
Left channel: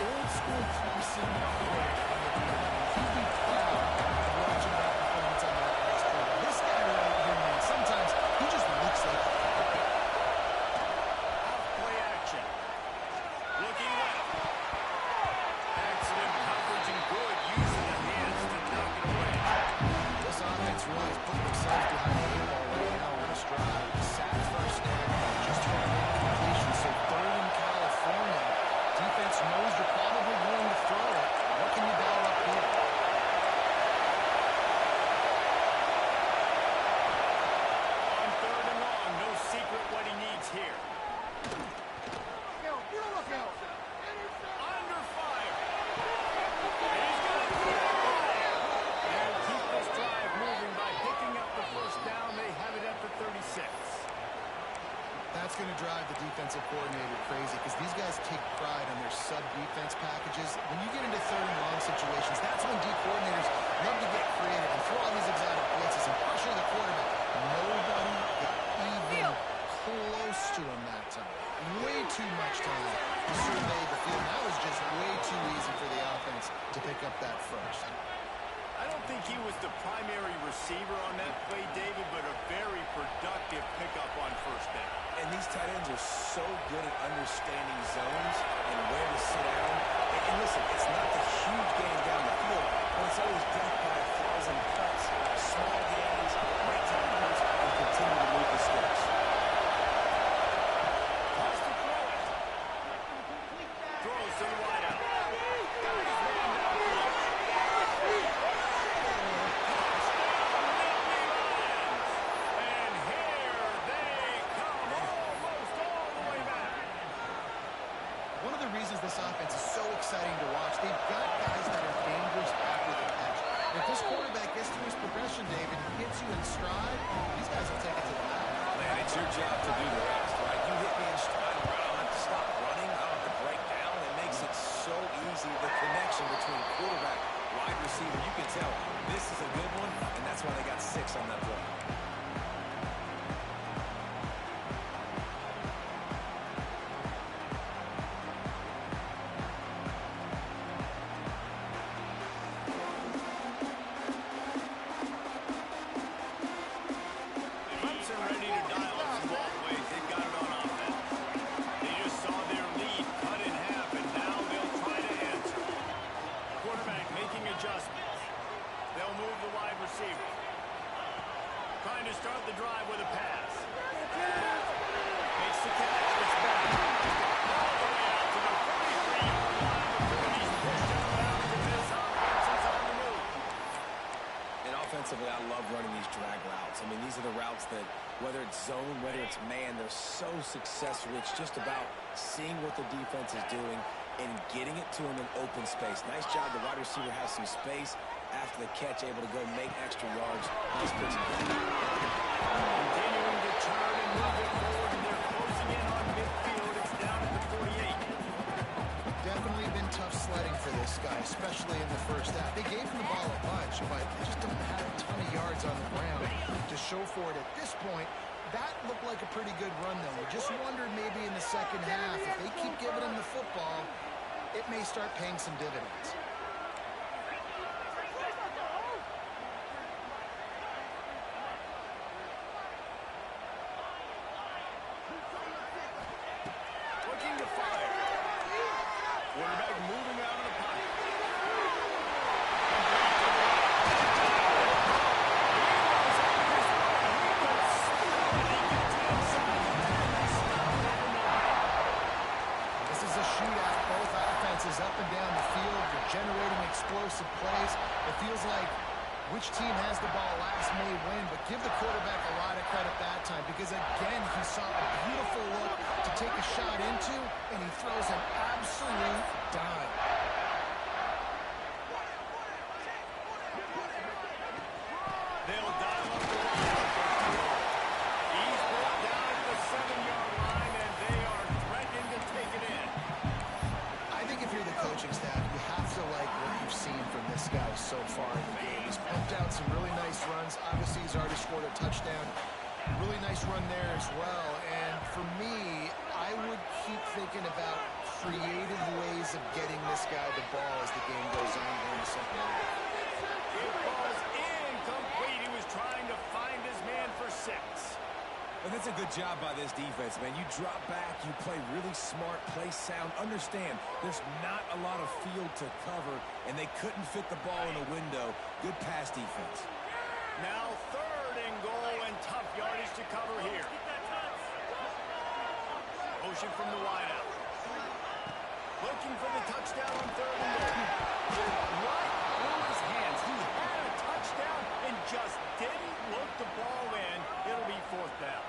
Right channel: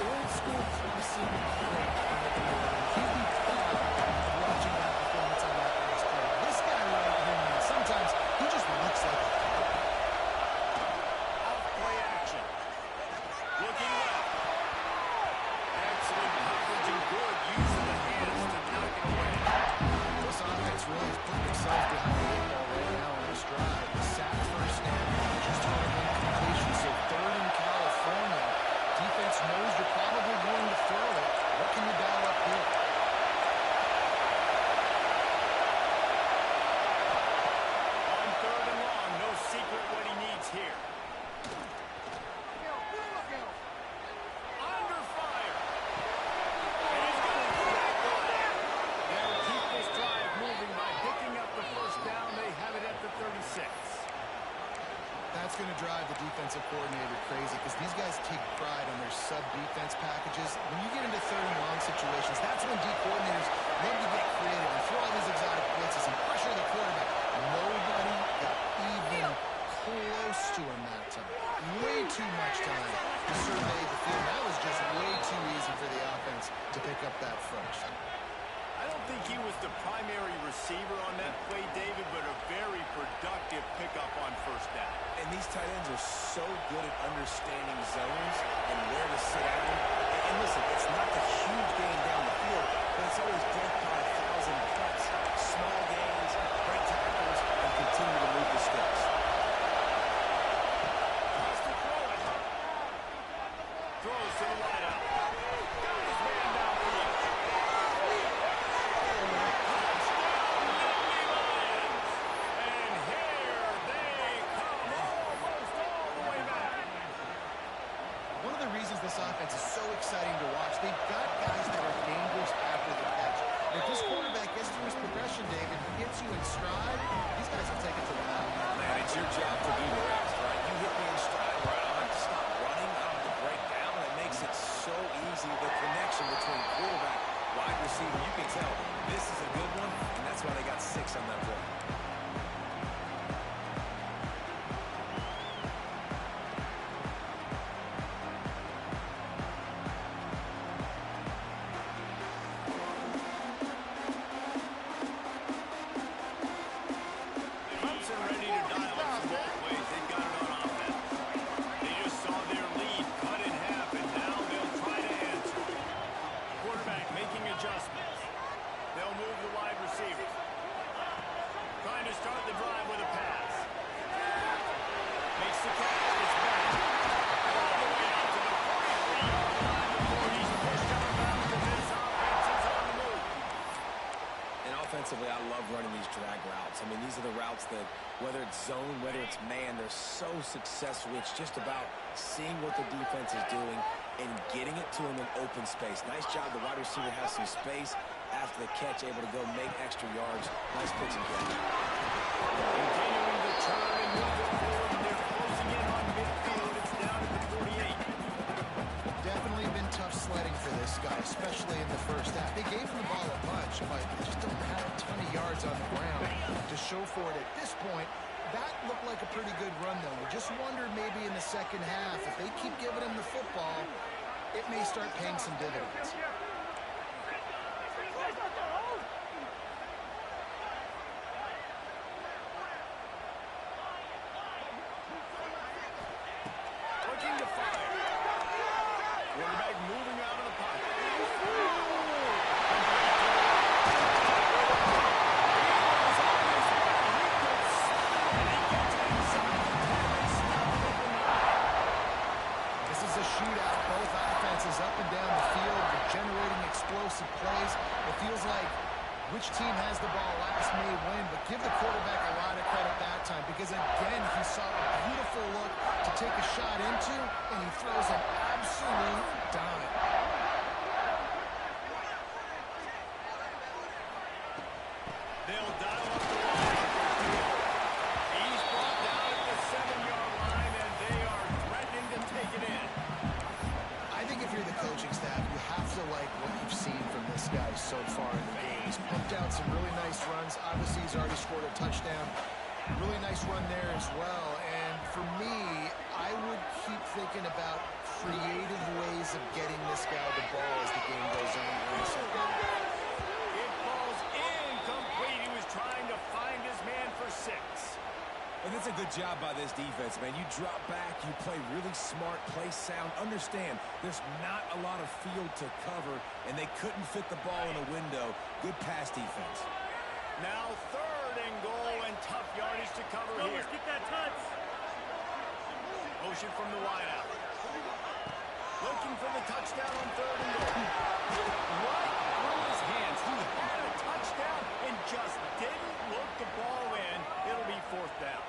old-school Clemson great on the D-line. He'd be proud of watching that performance on that last play. This guy right here, man, sometimes he just looks like a off-play action. Looking left. Excellent coverage and good use of the hands to knock it away. This offense really is putting themselves behind the 8 ball right now on a stride. Sack first down, just throwing in completion. So third in California. Defense knows you're probably going to throw it. What can you dial up here? On third and long, no secret what he needs here. Under fire. And he's going to put it away. They'll keep this drive moving by picking up the first down. They have it at the 36. That's going to drive the defensive coordinator crazy because these guys take pride on their sub-defense packages. When you get into third and long situations, that's when D coordinators love to get creative and throw all these exotic blitzes and pressure the quarterback. Nobody got even close to him that time. Way too much time to survey the field. That was just way too easy for the offense to pick up that first. I don't think he was the primary receiver on that play, David, but a very productive pickup on first down. And these tight ends are so good at understanding zones and where to sit down. And listen, it's not the huge gain down the field, but it's always death by 1,000 cuts, small gains, great tackles, and continue to move the sticks. Has to throw it. Throws to the wideout. Got his man downfield. Touchdown, Nittany Lions. And here they come almost all the way back. One of the reasons this offense is so exciting to watch, they've got guys that are dangerous after the catch. If this quarterback gets through his progression, David, and gets you in stride, these guys will take it to the house. Man, it's your job to do the rest, right? You hit me in stride where I don't have to stop running. I don't have to break down. It makes it so easy. The connection between quarterback, wide receiver, you can tell this is a good one, and that's why they got 6 on that play. Clemson ready to dial up some ball plays. They've got it on offense. They just saw their lead cut in half, and now they'll try to answer. Quarterback making adjustments. They'll move the wide receiver. Trying to start the drive with a pass. Makes the catch. Gets back. All the way out to the 43-yard line before he's pushed out of bounds, and this offense is on the move. And offensively, I love running these drag routes. I mean, these are the routes that, whether it's zone, whether it's man, they're so successful. It's just about seeing what the defense is doing and getting it to them in open space. Nice job. The wide receiver has some space after the catch, able to go make extra yards. Nice pitching game. Continuing to turn and move it forward, and they're closing in on midfield. It's down at the 48. Definitely been tough sledding for this guy, especially in the first half. They gave him the ball a bunch, but they just don't have a ton of yards on the ground to show for it at this point. That looked like a pretty good run, though. You just wonder maybe in the second half, if they keep giving him the football, it may start paying some dividends. Looking to fire. Quarterback moving out of the pocket. Complete to the right. He was on his way. He could smell it. He gets it inside the 10. They stop it at the 9. This is a shootout. Both offenses up and down the field. They're generating explosive plays. It feels like Which team has the ball last may win, but give the quarterback a lot of credit that time because, again, he saw a beautiful look to take a shot into, and he throws an absolute dime. They'll dial up the line on first and goal. He's brought down at the 7-yard line, and they are threatening to take it in. I think if you're the coaching staff, you have to like what you've seen from this guy so far in the game. He's pumped out some really nice runs. Obviously, he's already scored a touchdown. Really nice run there as well. And for me, I would keep thinking about creative ways of getting this guy the ball as the game goes on in the second half. It falls incomplete. He was trying to find his man for 6. And that's a good job by this defense, man. You drop back, you play really smart, play sound. Understand, there's not a lot of field to cover, and they couldn't fit the ball in a window. Good pass defense. Now 3rd and goal, and tough yardage to cover here. Get that touch. Motion from the wideout. Looking for the touchdown on 3rd and goal. Right through his hands. He had a touchdown and just didn't look the ball in. It'll be 4th down.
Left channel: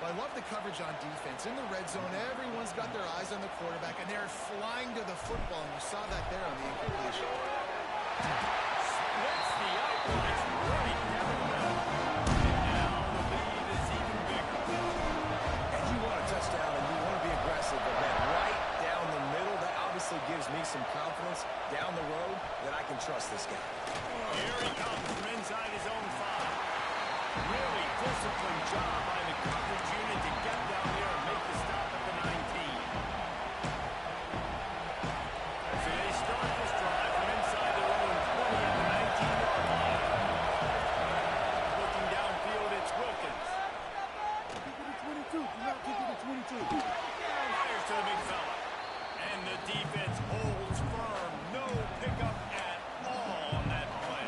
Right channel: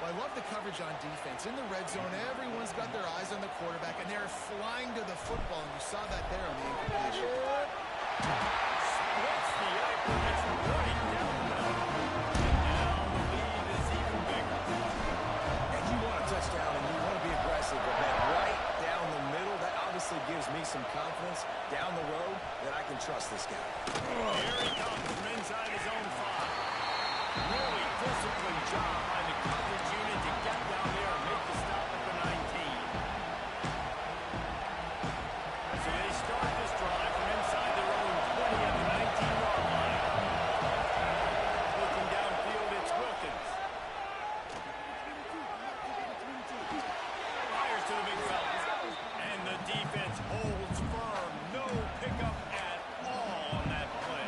Well, I love the coverage on defense. In the red zone, everyone's got their eyes on the quarterback, and they're flying to the football, and you saw that there on the incompletion. Splits the uprights right down the middle. And now the lead is even bigger. And you want a touchdown, and you want to be aggressive, but man, right down the middle, that obviously gives me some confidence down the road that I can trust this guy. Here he comes from inside his own 5. Really disciplined job by the coverage unit to get down there and make the stop at the 19. So they start this drive from inside their own 20 at the 19-yard line. Looking downfield, it's Wilkins. Fires to the big fella. And the defense holds firm. No pickup at all on that play.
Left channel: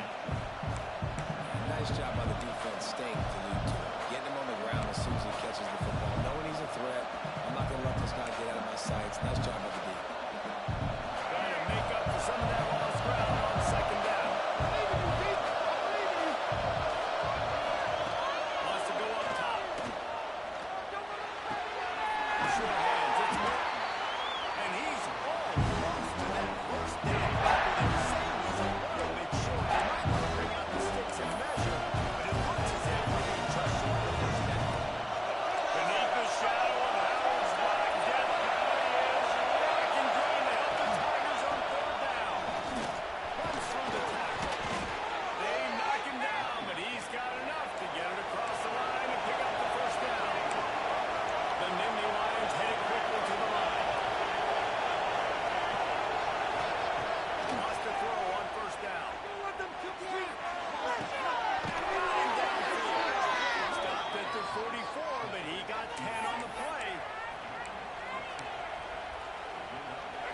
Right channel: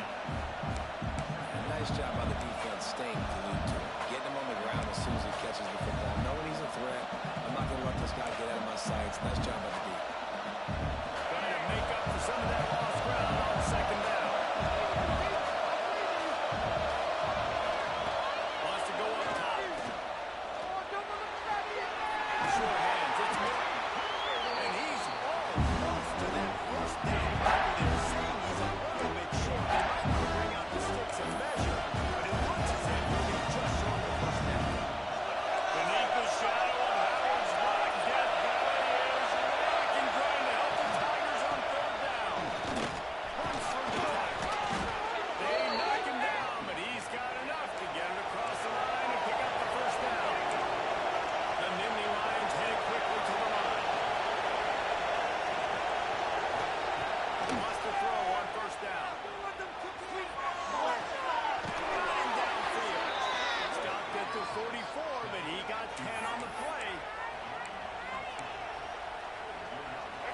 And nice job by the defense staying glued to him. Getting him on the ground as soon as he catches the football. Knowing he's a threat, I'm not going to let this guy get out of my sights. Nice job by the D. Trying to make up for some of that lost ground on 2nd down. Wants to go up top. Short hands, it's Milton. And he's all close to that 1st down marker. They're saying he's a little bit short. They might want to bring out the sticks and measure, but it looks as if he'll be just short of the 1st down. Beneath the shadow of Howard's Black Death Valley is rocking, trying to help the Tigers on 3rd down. Runs through the tackle. They knock him down, but he's got enough to get it across the line and pick up the 1st down. The Nittany Lions headed quickly to the line. Wants to throw on 1st down. Running downfield. Stopped at the 44, but he got 10 on the play.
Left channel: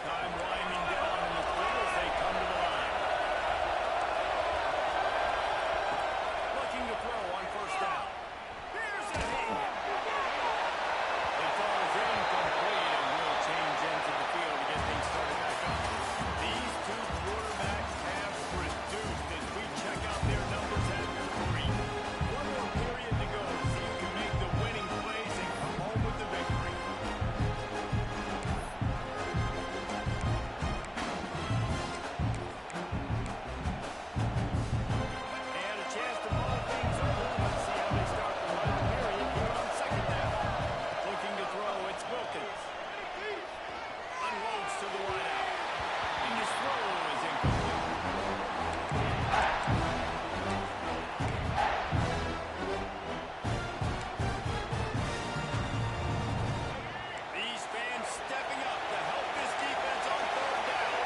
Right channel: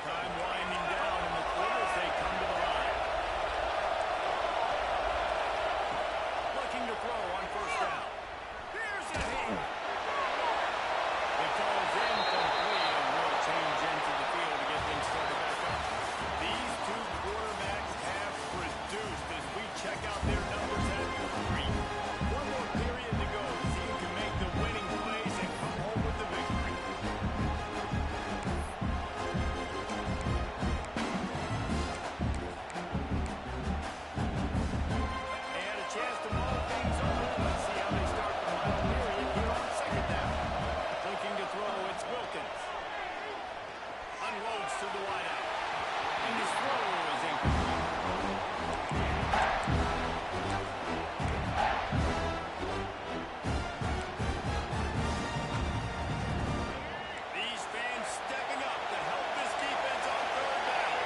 Time winding down in the quarter as they come to the line. Looking to throw on 1st down. Here's a hit. It falls incomplete and will change into the field to get things started back up. These two quarterbacks have produced as we check out their numbers at 3. One more period to go to see who can make the winning plays and come home with the victory. And a chance to mull things over. Let's see how they start the final period here on 2nd down. Looking to throw, it's Wilkins. Unloads to the wideout. And his throw is incomplete. These fans stepping up to help this defense on 3rd down.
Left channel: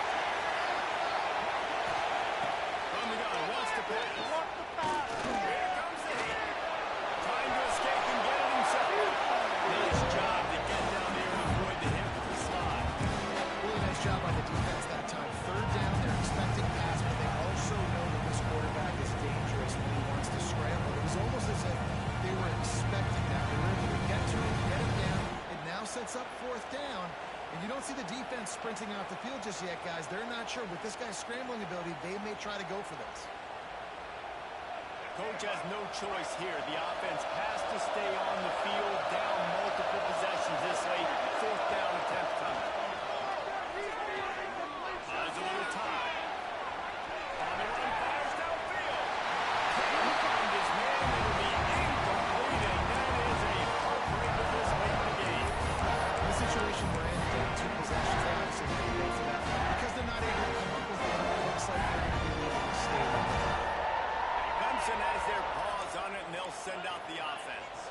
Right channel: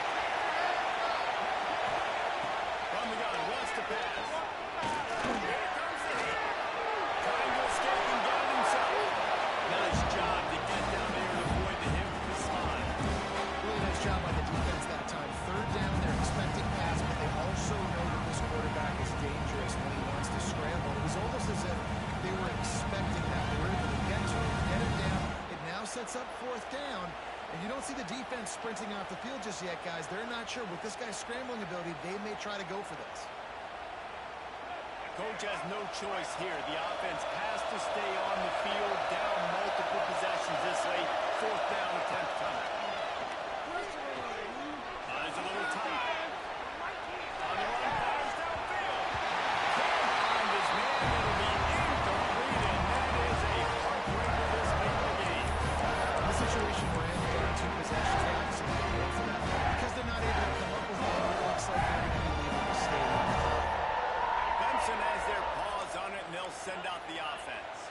From the gun, wants to pass. Here comes the hit. Trying to escape and get it himself. Nice job to get down there and avoid the hit with the slide. Really nice job by the defense that time. 3rd down, they're expecting pass, but they also know that this quarterback is dangerous when he wants to scramble. It was almost as if they were expecting that. They were able to get to him, get him down. It now sets up 4th down, and you don't see the defense sprinting off the field just yet, guys. They're not sure. With this guy's scrambling ability, they may try to go for this. Coach has no choice here. The offense has to stay on the field, down multiple possessions this late. Fourth down attempt coming. Buys a little time. On the run, fires downfield. Can't find his man. It'll be incomplete, and that is a heartbreaker this late in the game. In the situation we're in, down 2 possessions, they obviously have to go for that one. Because they're not able to come up with one, it looks like they're going to be leaving the stadium. Clemson has their paws on it, and they'll send out the offense.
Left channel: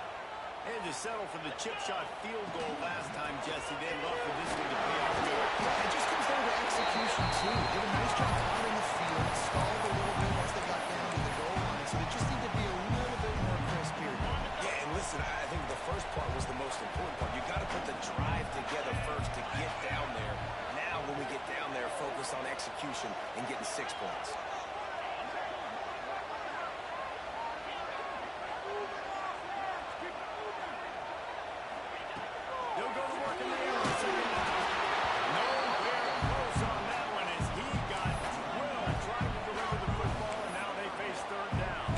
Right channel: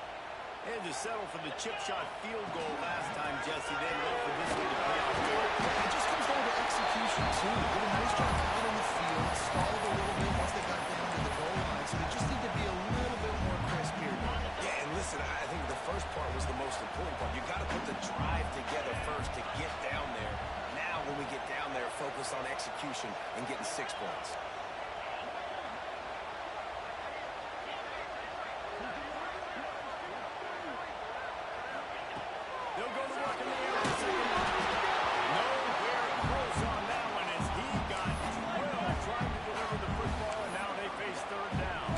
They had to settle for the chip shot field goal last time, Jesse. They'd love for this one to pay off good. Yeah, it just comes down to execution, too. Did a nice job out in the field, stalled a little bit once they got down to the goal line, so they just need to be a little bit more crisp here. Yeah, and listen, I think the first part was the most important part. You got to put the drive together first to get down there. Now, when we get down there, focus on execution and getting 6 points. They'll go to work in the air on second down. Nowhere close on that one as he got drilled trying to deliver the football, and now they face third down.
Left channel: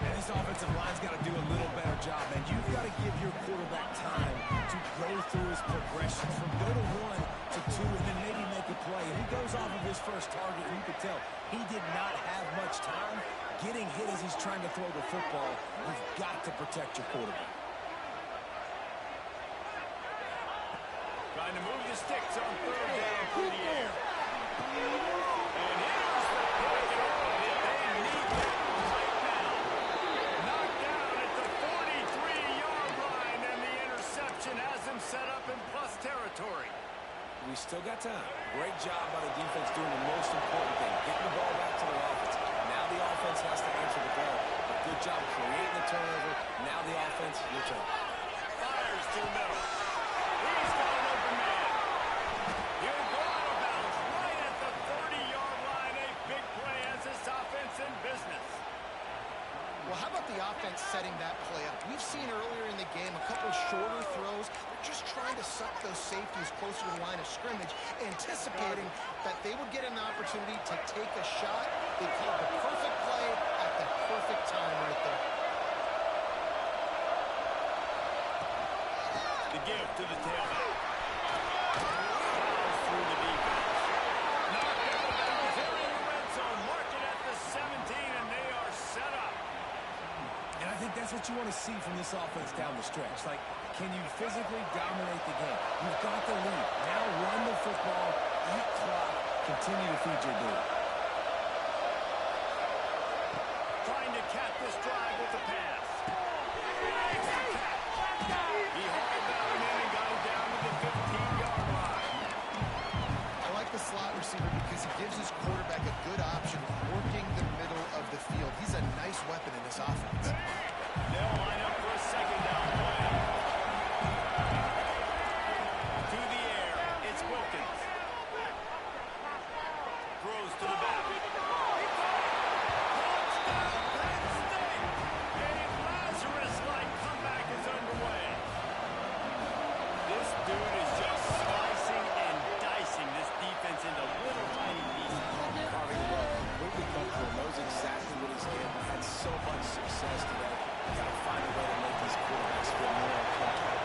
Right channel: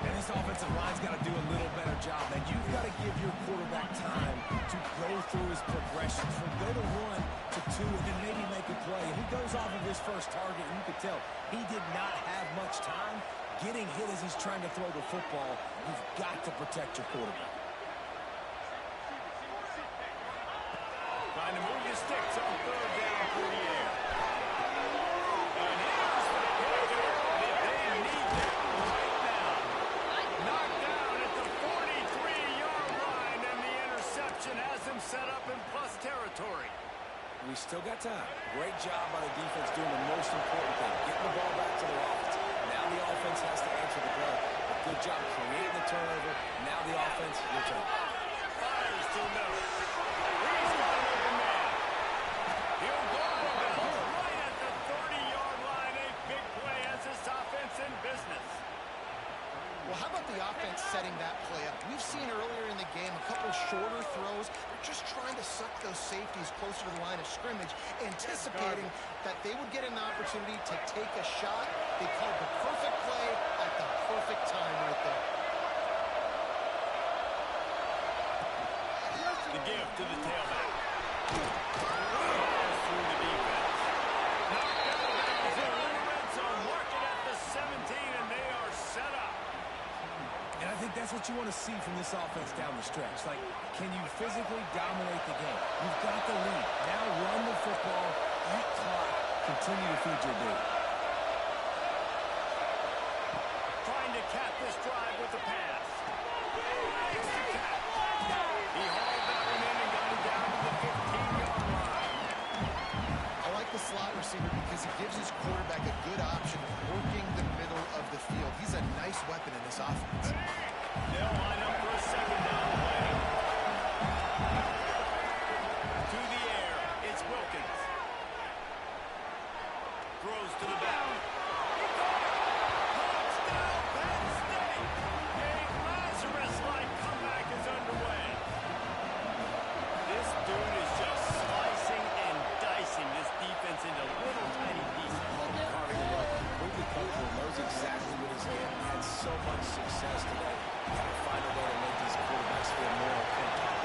And this offensive line's got to do a little better job, man. You've got to give your quarterback time to go through his progressions from go to 1 to 2 and then maybe make a play. And he goes off of his first target, and you could tell he did not have much time getting hit as he's trying to throw the football. You've got to protect your quarterback. Trying to move the sticks on third down through the air. And here's the pick and roll. They need that right now. Knocked down at the 43-yard line, and the interception has him set up in plus territory. We still got time. Great job by the defense doing the most important thing, getting the ball back to their offense. Now the offense has to answer the bell. But good job creating the turnover. Now the offense, your turn. Fires to the middle. He's got an open man. He'll go out of bounds right at the 30-yard line. A big play as this offense in business. Well, how about the offense setting that play up? We've seen earlier in the game a couple shorter throws. They're just trying to suck those safeties closer to the line of scrimmage, anticipating that they would get an opportunity to take a shot. They called the perfect play at the perfect time right there. The give to the tailback. Fouls through the defense. Knocked out of bounds here in the red zone. Mark it at the 17, and they are set up. And I think that's what you want to see from this offense down the stretch. Like, can you physically dominate the game? You've got the lead. Now run the football, eat clock, continue to feed your dude. Trying to cap this drive with the pass. Makes the catch. He hauled that one in and got it down to the 15-yard line. I like the slot receiver because he gives his quarterback a good option working the middle of the field. He's a nice weapon in this offense. They'll line up for a second down play. To the air, it's Wilkins. Throws to the back. He caught it. Touchdown, Penn State. A Lazarus-like comeback is underway. This dude is just slicing and dicing this defense into little tiny pieces. Carving the run completely comfortable, knows exactly what he's getting, had so much success today. You got to find a way to make these quarterbacks feel more uncomfortable.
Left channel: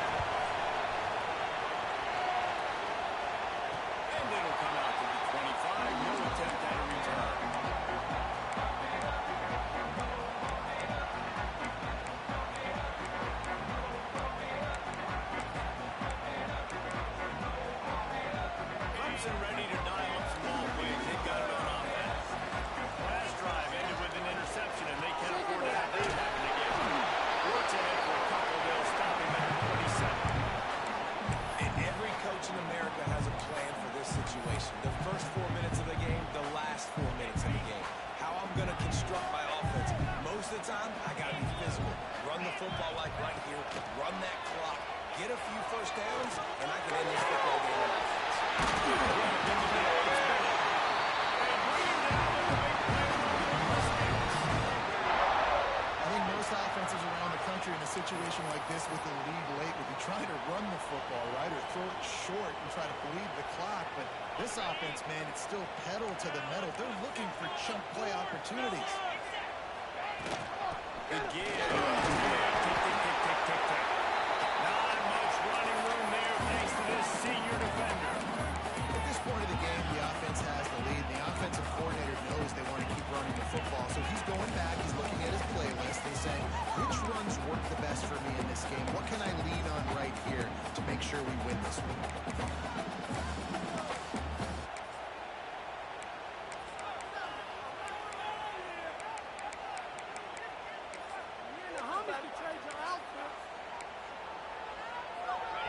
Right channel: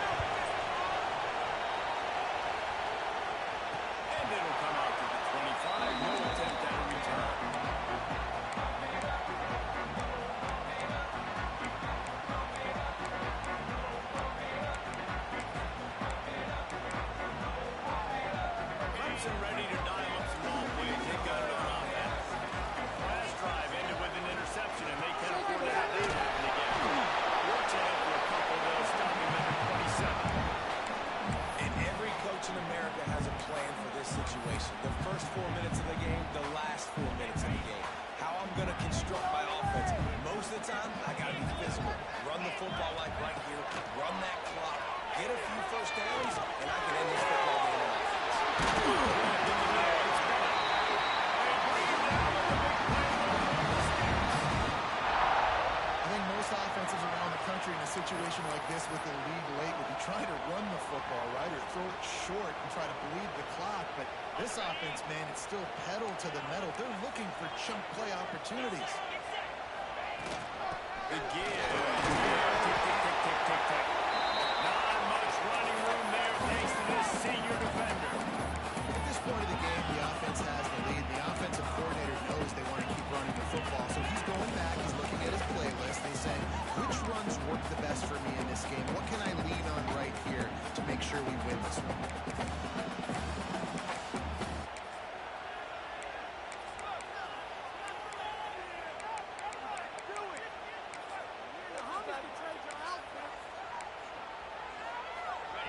And it'll come out to the 25. No attempt at a return. Clemson ready to dial up some ball plays. They've got it on offense. Last drive ended with an interception, and they can't afford to have that happen again. Works ahead for a couple. They'll stop him at the 27. And every coach in America has a plan for this situation. The first 4 minutes of the game, the last 4 minutes of the game. How I'm going to construct my offense. Most of the time, I got to be physical. Run the football like right here. Run that clock. Get a few first downs, and I can end this football game on offense. I think most offenses around the country in a situation like this with the lead late would be trying to run the football, right, or throw it short and try to bleed the clock. But this offense, man, it's still pedal to the metal. They're looking for chunk play opportunities. The give. Tick, tick, tick, tick, tick, tick. Not much running room there thanks to this senior defender. At this point of the game, the offense has the lead. The offensive coordinator knows they want to keep running the football. So he's going back. He's looking at his playlist. He's saying, which runs work the best for me in this game? What can I lean on right here to make sure we win this one?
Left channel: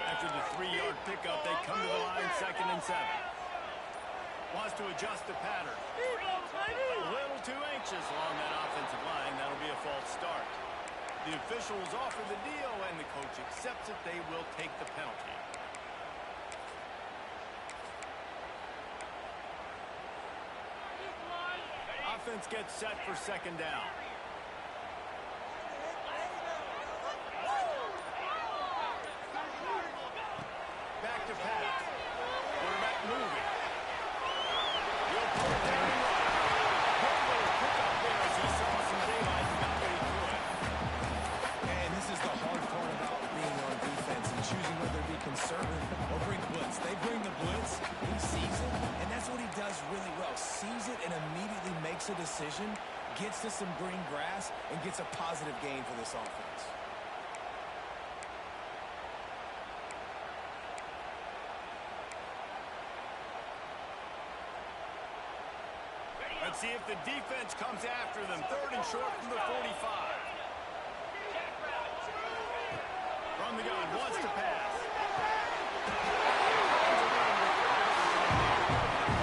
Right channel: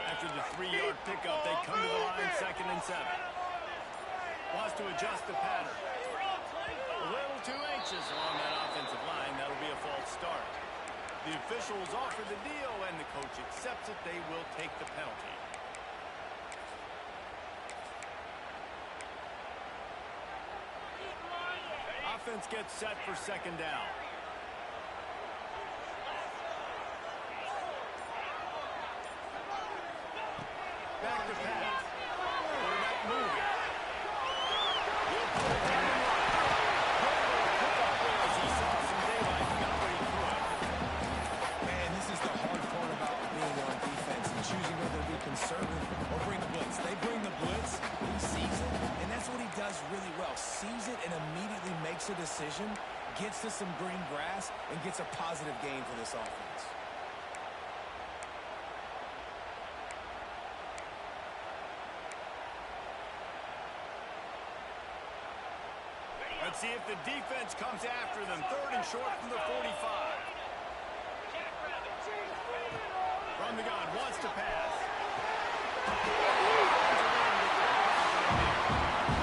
After the 3-yard pickup, they come to the line 2nd and 7. Wants to adjust the pattern. A little too anxious along that offensive line. That'll be a false start. The officials offer the deal, and the coach accepts it. They will take the penalty. Offense gets set for 2nd down. Back to pass. Quarterback moving. He'll put it down and run. Good little pickup there as he saw some daylight and got what he could. And this is the hard part about being on defense and choosing whether to be conservative or bring the blitz. They bring the blitz, he sees it, and that's what he does really well. Sees it and immediately makes a decision, gets to some green grass, and gets a positive gain for this offense. Let's see if the defense comes after them. 3rd and short from the 45. From the gun, wants to pass.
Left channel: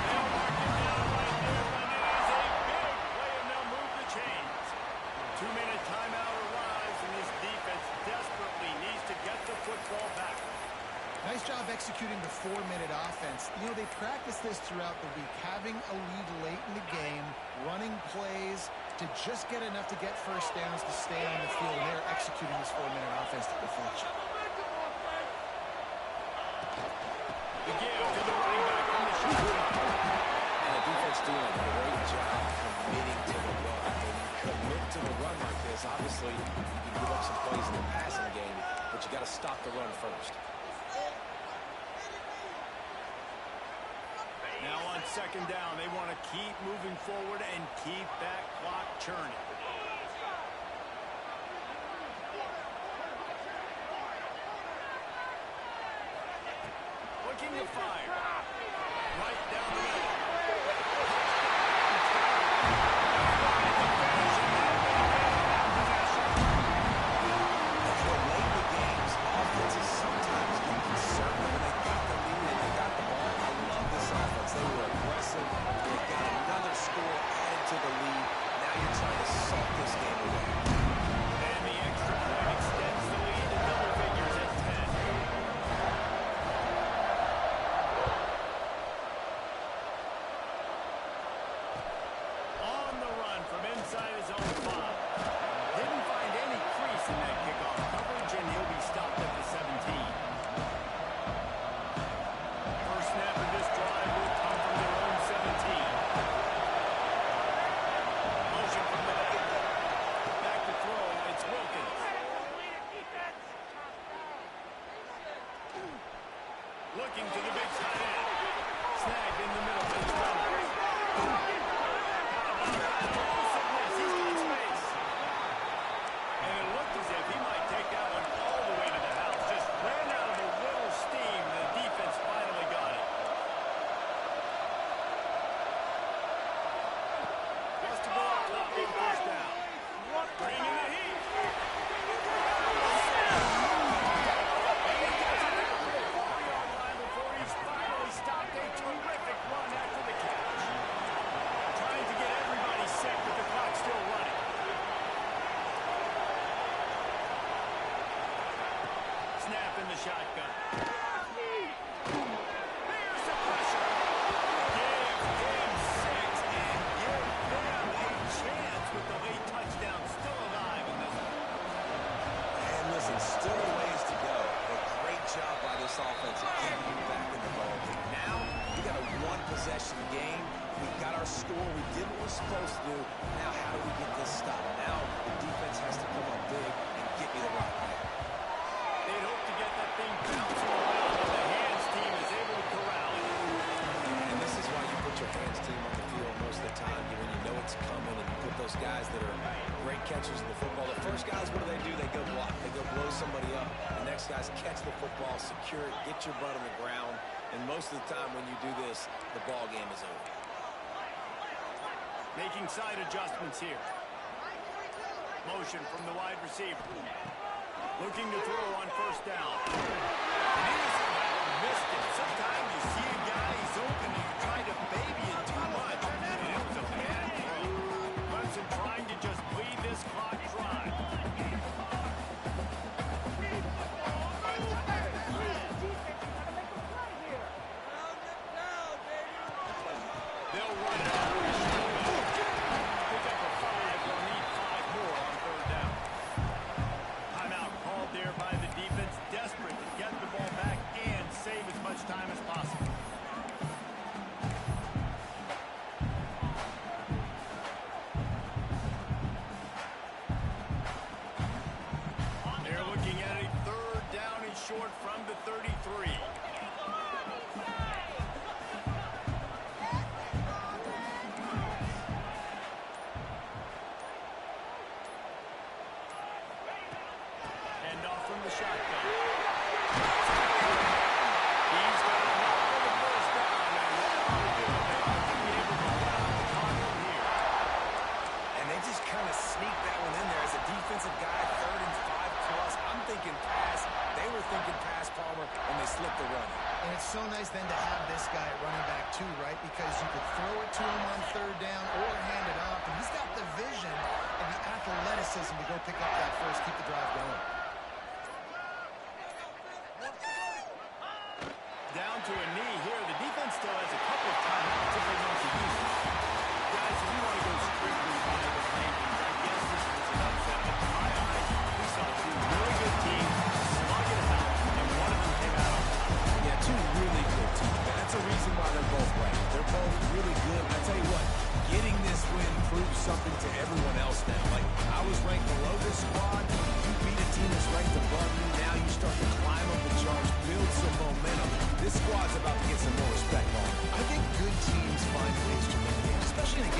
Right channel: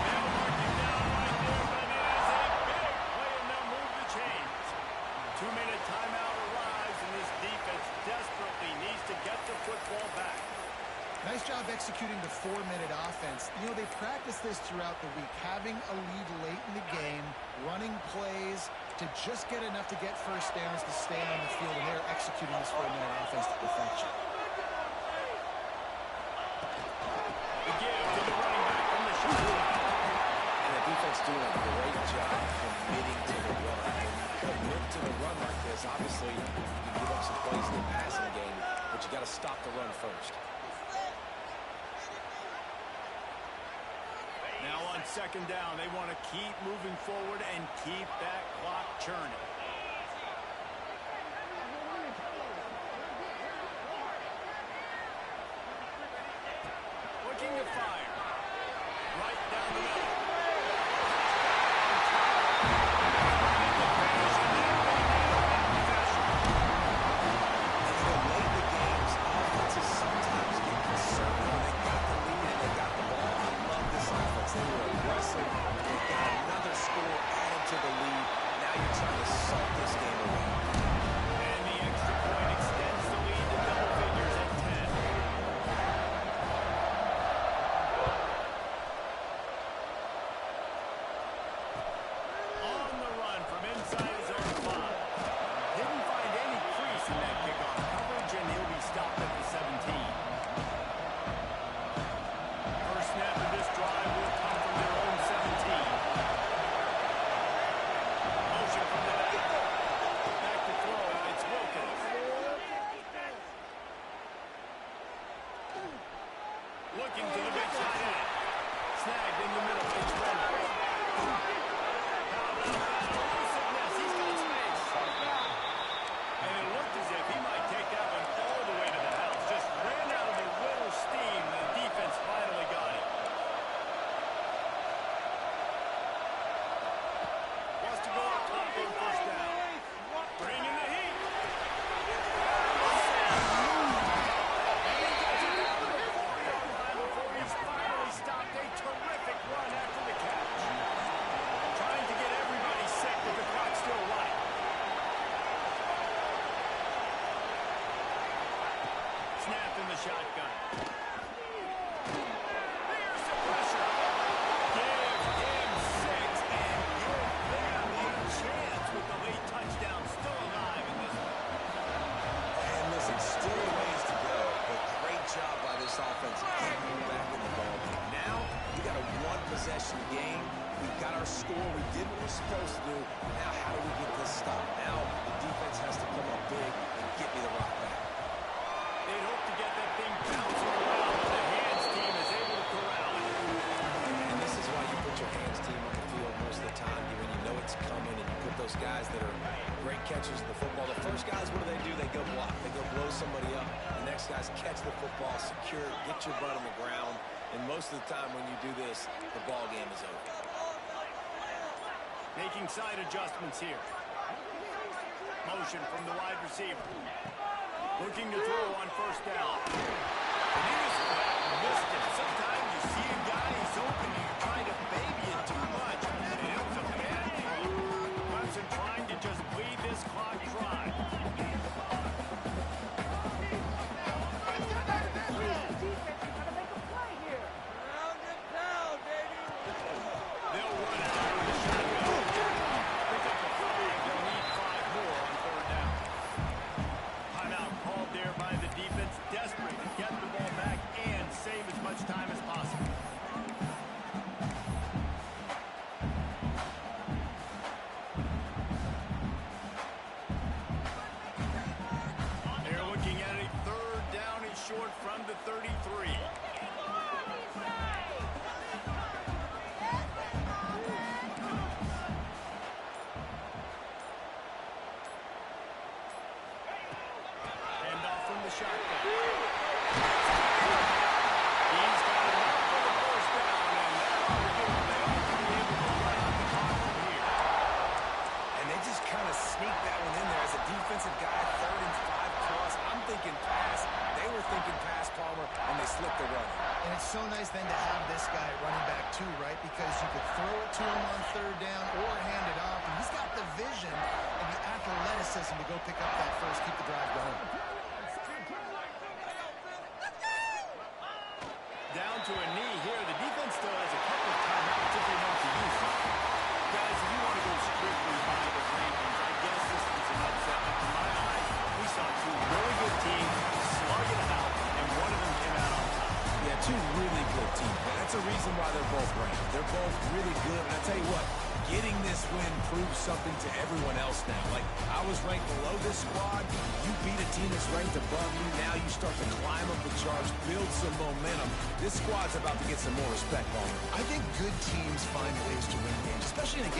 They'll mark him down right there, but it is a big play, and they'll move the chains. 2-minute timeout arrives, and this defense desperately needs to get the football back. Nice job executing the 4-minute offense. You know, they practiced this throughout the week, having a lead late in the game, running plays to just get enough to get first downs to stay on the field, and they're executing this 4-minute offense to perfection. The give to the running back from the shotgun. And the defense doing a great job committing to the run. When you commit to the run like this, obviously you can give up some plays in the passing game, but you got to stop the run first. Now on 2nd down, they want to keep moving forward and keep that clock churning. Looking to fire. Right down the middle. And you know, late in the games, offenses sometimes get conservative when they got the lead and they got the ball. I love this offense. They were aggressive. They got another score added to the lead. Now you're trying to suck this game away. And the extra point extends the lead to double figures at 10. On the run from inside his own 5. Didn't find any crease in that kickoff coverage, and he'll be stopped at the 17. First snap of this drive will come from their own 17. Motion from the back. Back to throw. It's Wilkins. Looking to the big tight end. Snagged in the middle. It's Reynolds. How about that elusiveness? He's got space. And it looked as if he might take that one all the way to the house. Just ran out of a little steam, and the defense finally got it. Wants to go up top on 1st down. Bringing the heat. And he gets it down to the 4-yard line before he's finally stopped. A terrific run after the catch. Trying to get everybody set with the clock still running. Snap in the shotgun. Here's the pressure. Give him 6 and give them a chance with the late touchdown still alive in this one. And listen, still a ways to go, but great job by this offense getting you back in the ball game. Now, we got a one-possession game. We got our score. We did what we're supposed to do. Now, how do we get this stopped? Now, the defense has to come up big and get me the rock back. They'd hope to get that thing bouncing around, but the hands team is able to corral it. And this is why you put your hands team on the field most of the time, when you know it's coming, and you put those guys that are great catchers of the football. The first guys, what do? They go block. They go blow somebody up. The next guys catch the football, secure it, get your butt on the ground. And most of the time when you do this, the ball game is over. Making side adjustments here. Motion from the wide receiver. Looking to throw on first down. And he just missed it. Sometimes you see a guy, he's open, and you try to baby it too much. And it was a bad throw. Clemson trying to just bleed this clock dry. They'll run it out with a shotgun. Pick up a 5. They'll need 5 more on third down. Timeout called there by the defense, desperate to get the ball back and save as much time as possible. They're looking at a third down and short from the 33. Handoff from the shotgun. He's got enough for the first down, and that ought to do it. They ought to be able to run out the clock from here. And they just kind of sneaked that one in there as a defensive guy, 3rd and 5 plus. I'm thinking pass. They were thinking pass, Palmer, and they slipped the run. And it's so nice then to have this guy at running back too, right? Because you could throw it to him on third down or hand it off. And he's got the vision and the athleticism to go pick up that first, keep the drive going. Down to a knee here. The defense still has a couple of timeouts if they want to use them. Guys, if you want to go strictly by the rankings, I guess this was an upset. But to my eyes, we saw 2 really good teams slug it out, and one of them came out on top. Yeah, 2 really good teams. That's a reason why they're both ranked. They're both really good. And I tell you what, getting this win proves something to everyone else now. Like, I was ranked below this squad. You beat a team that's ranked above you. Now you start to climb up the charts, build some momentum. This squad's about to get some more respect, Paul. I think good teams find ways to win games, especially in a game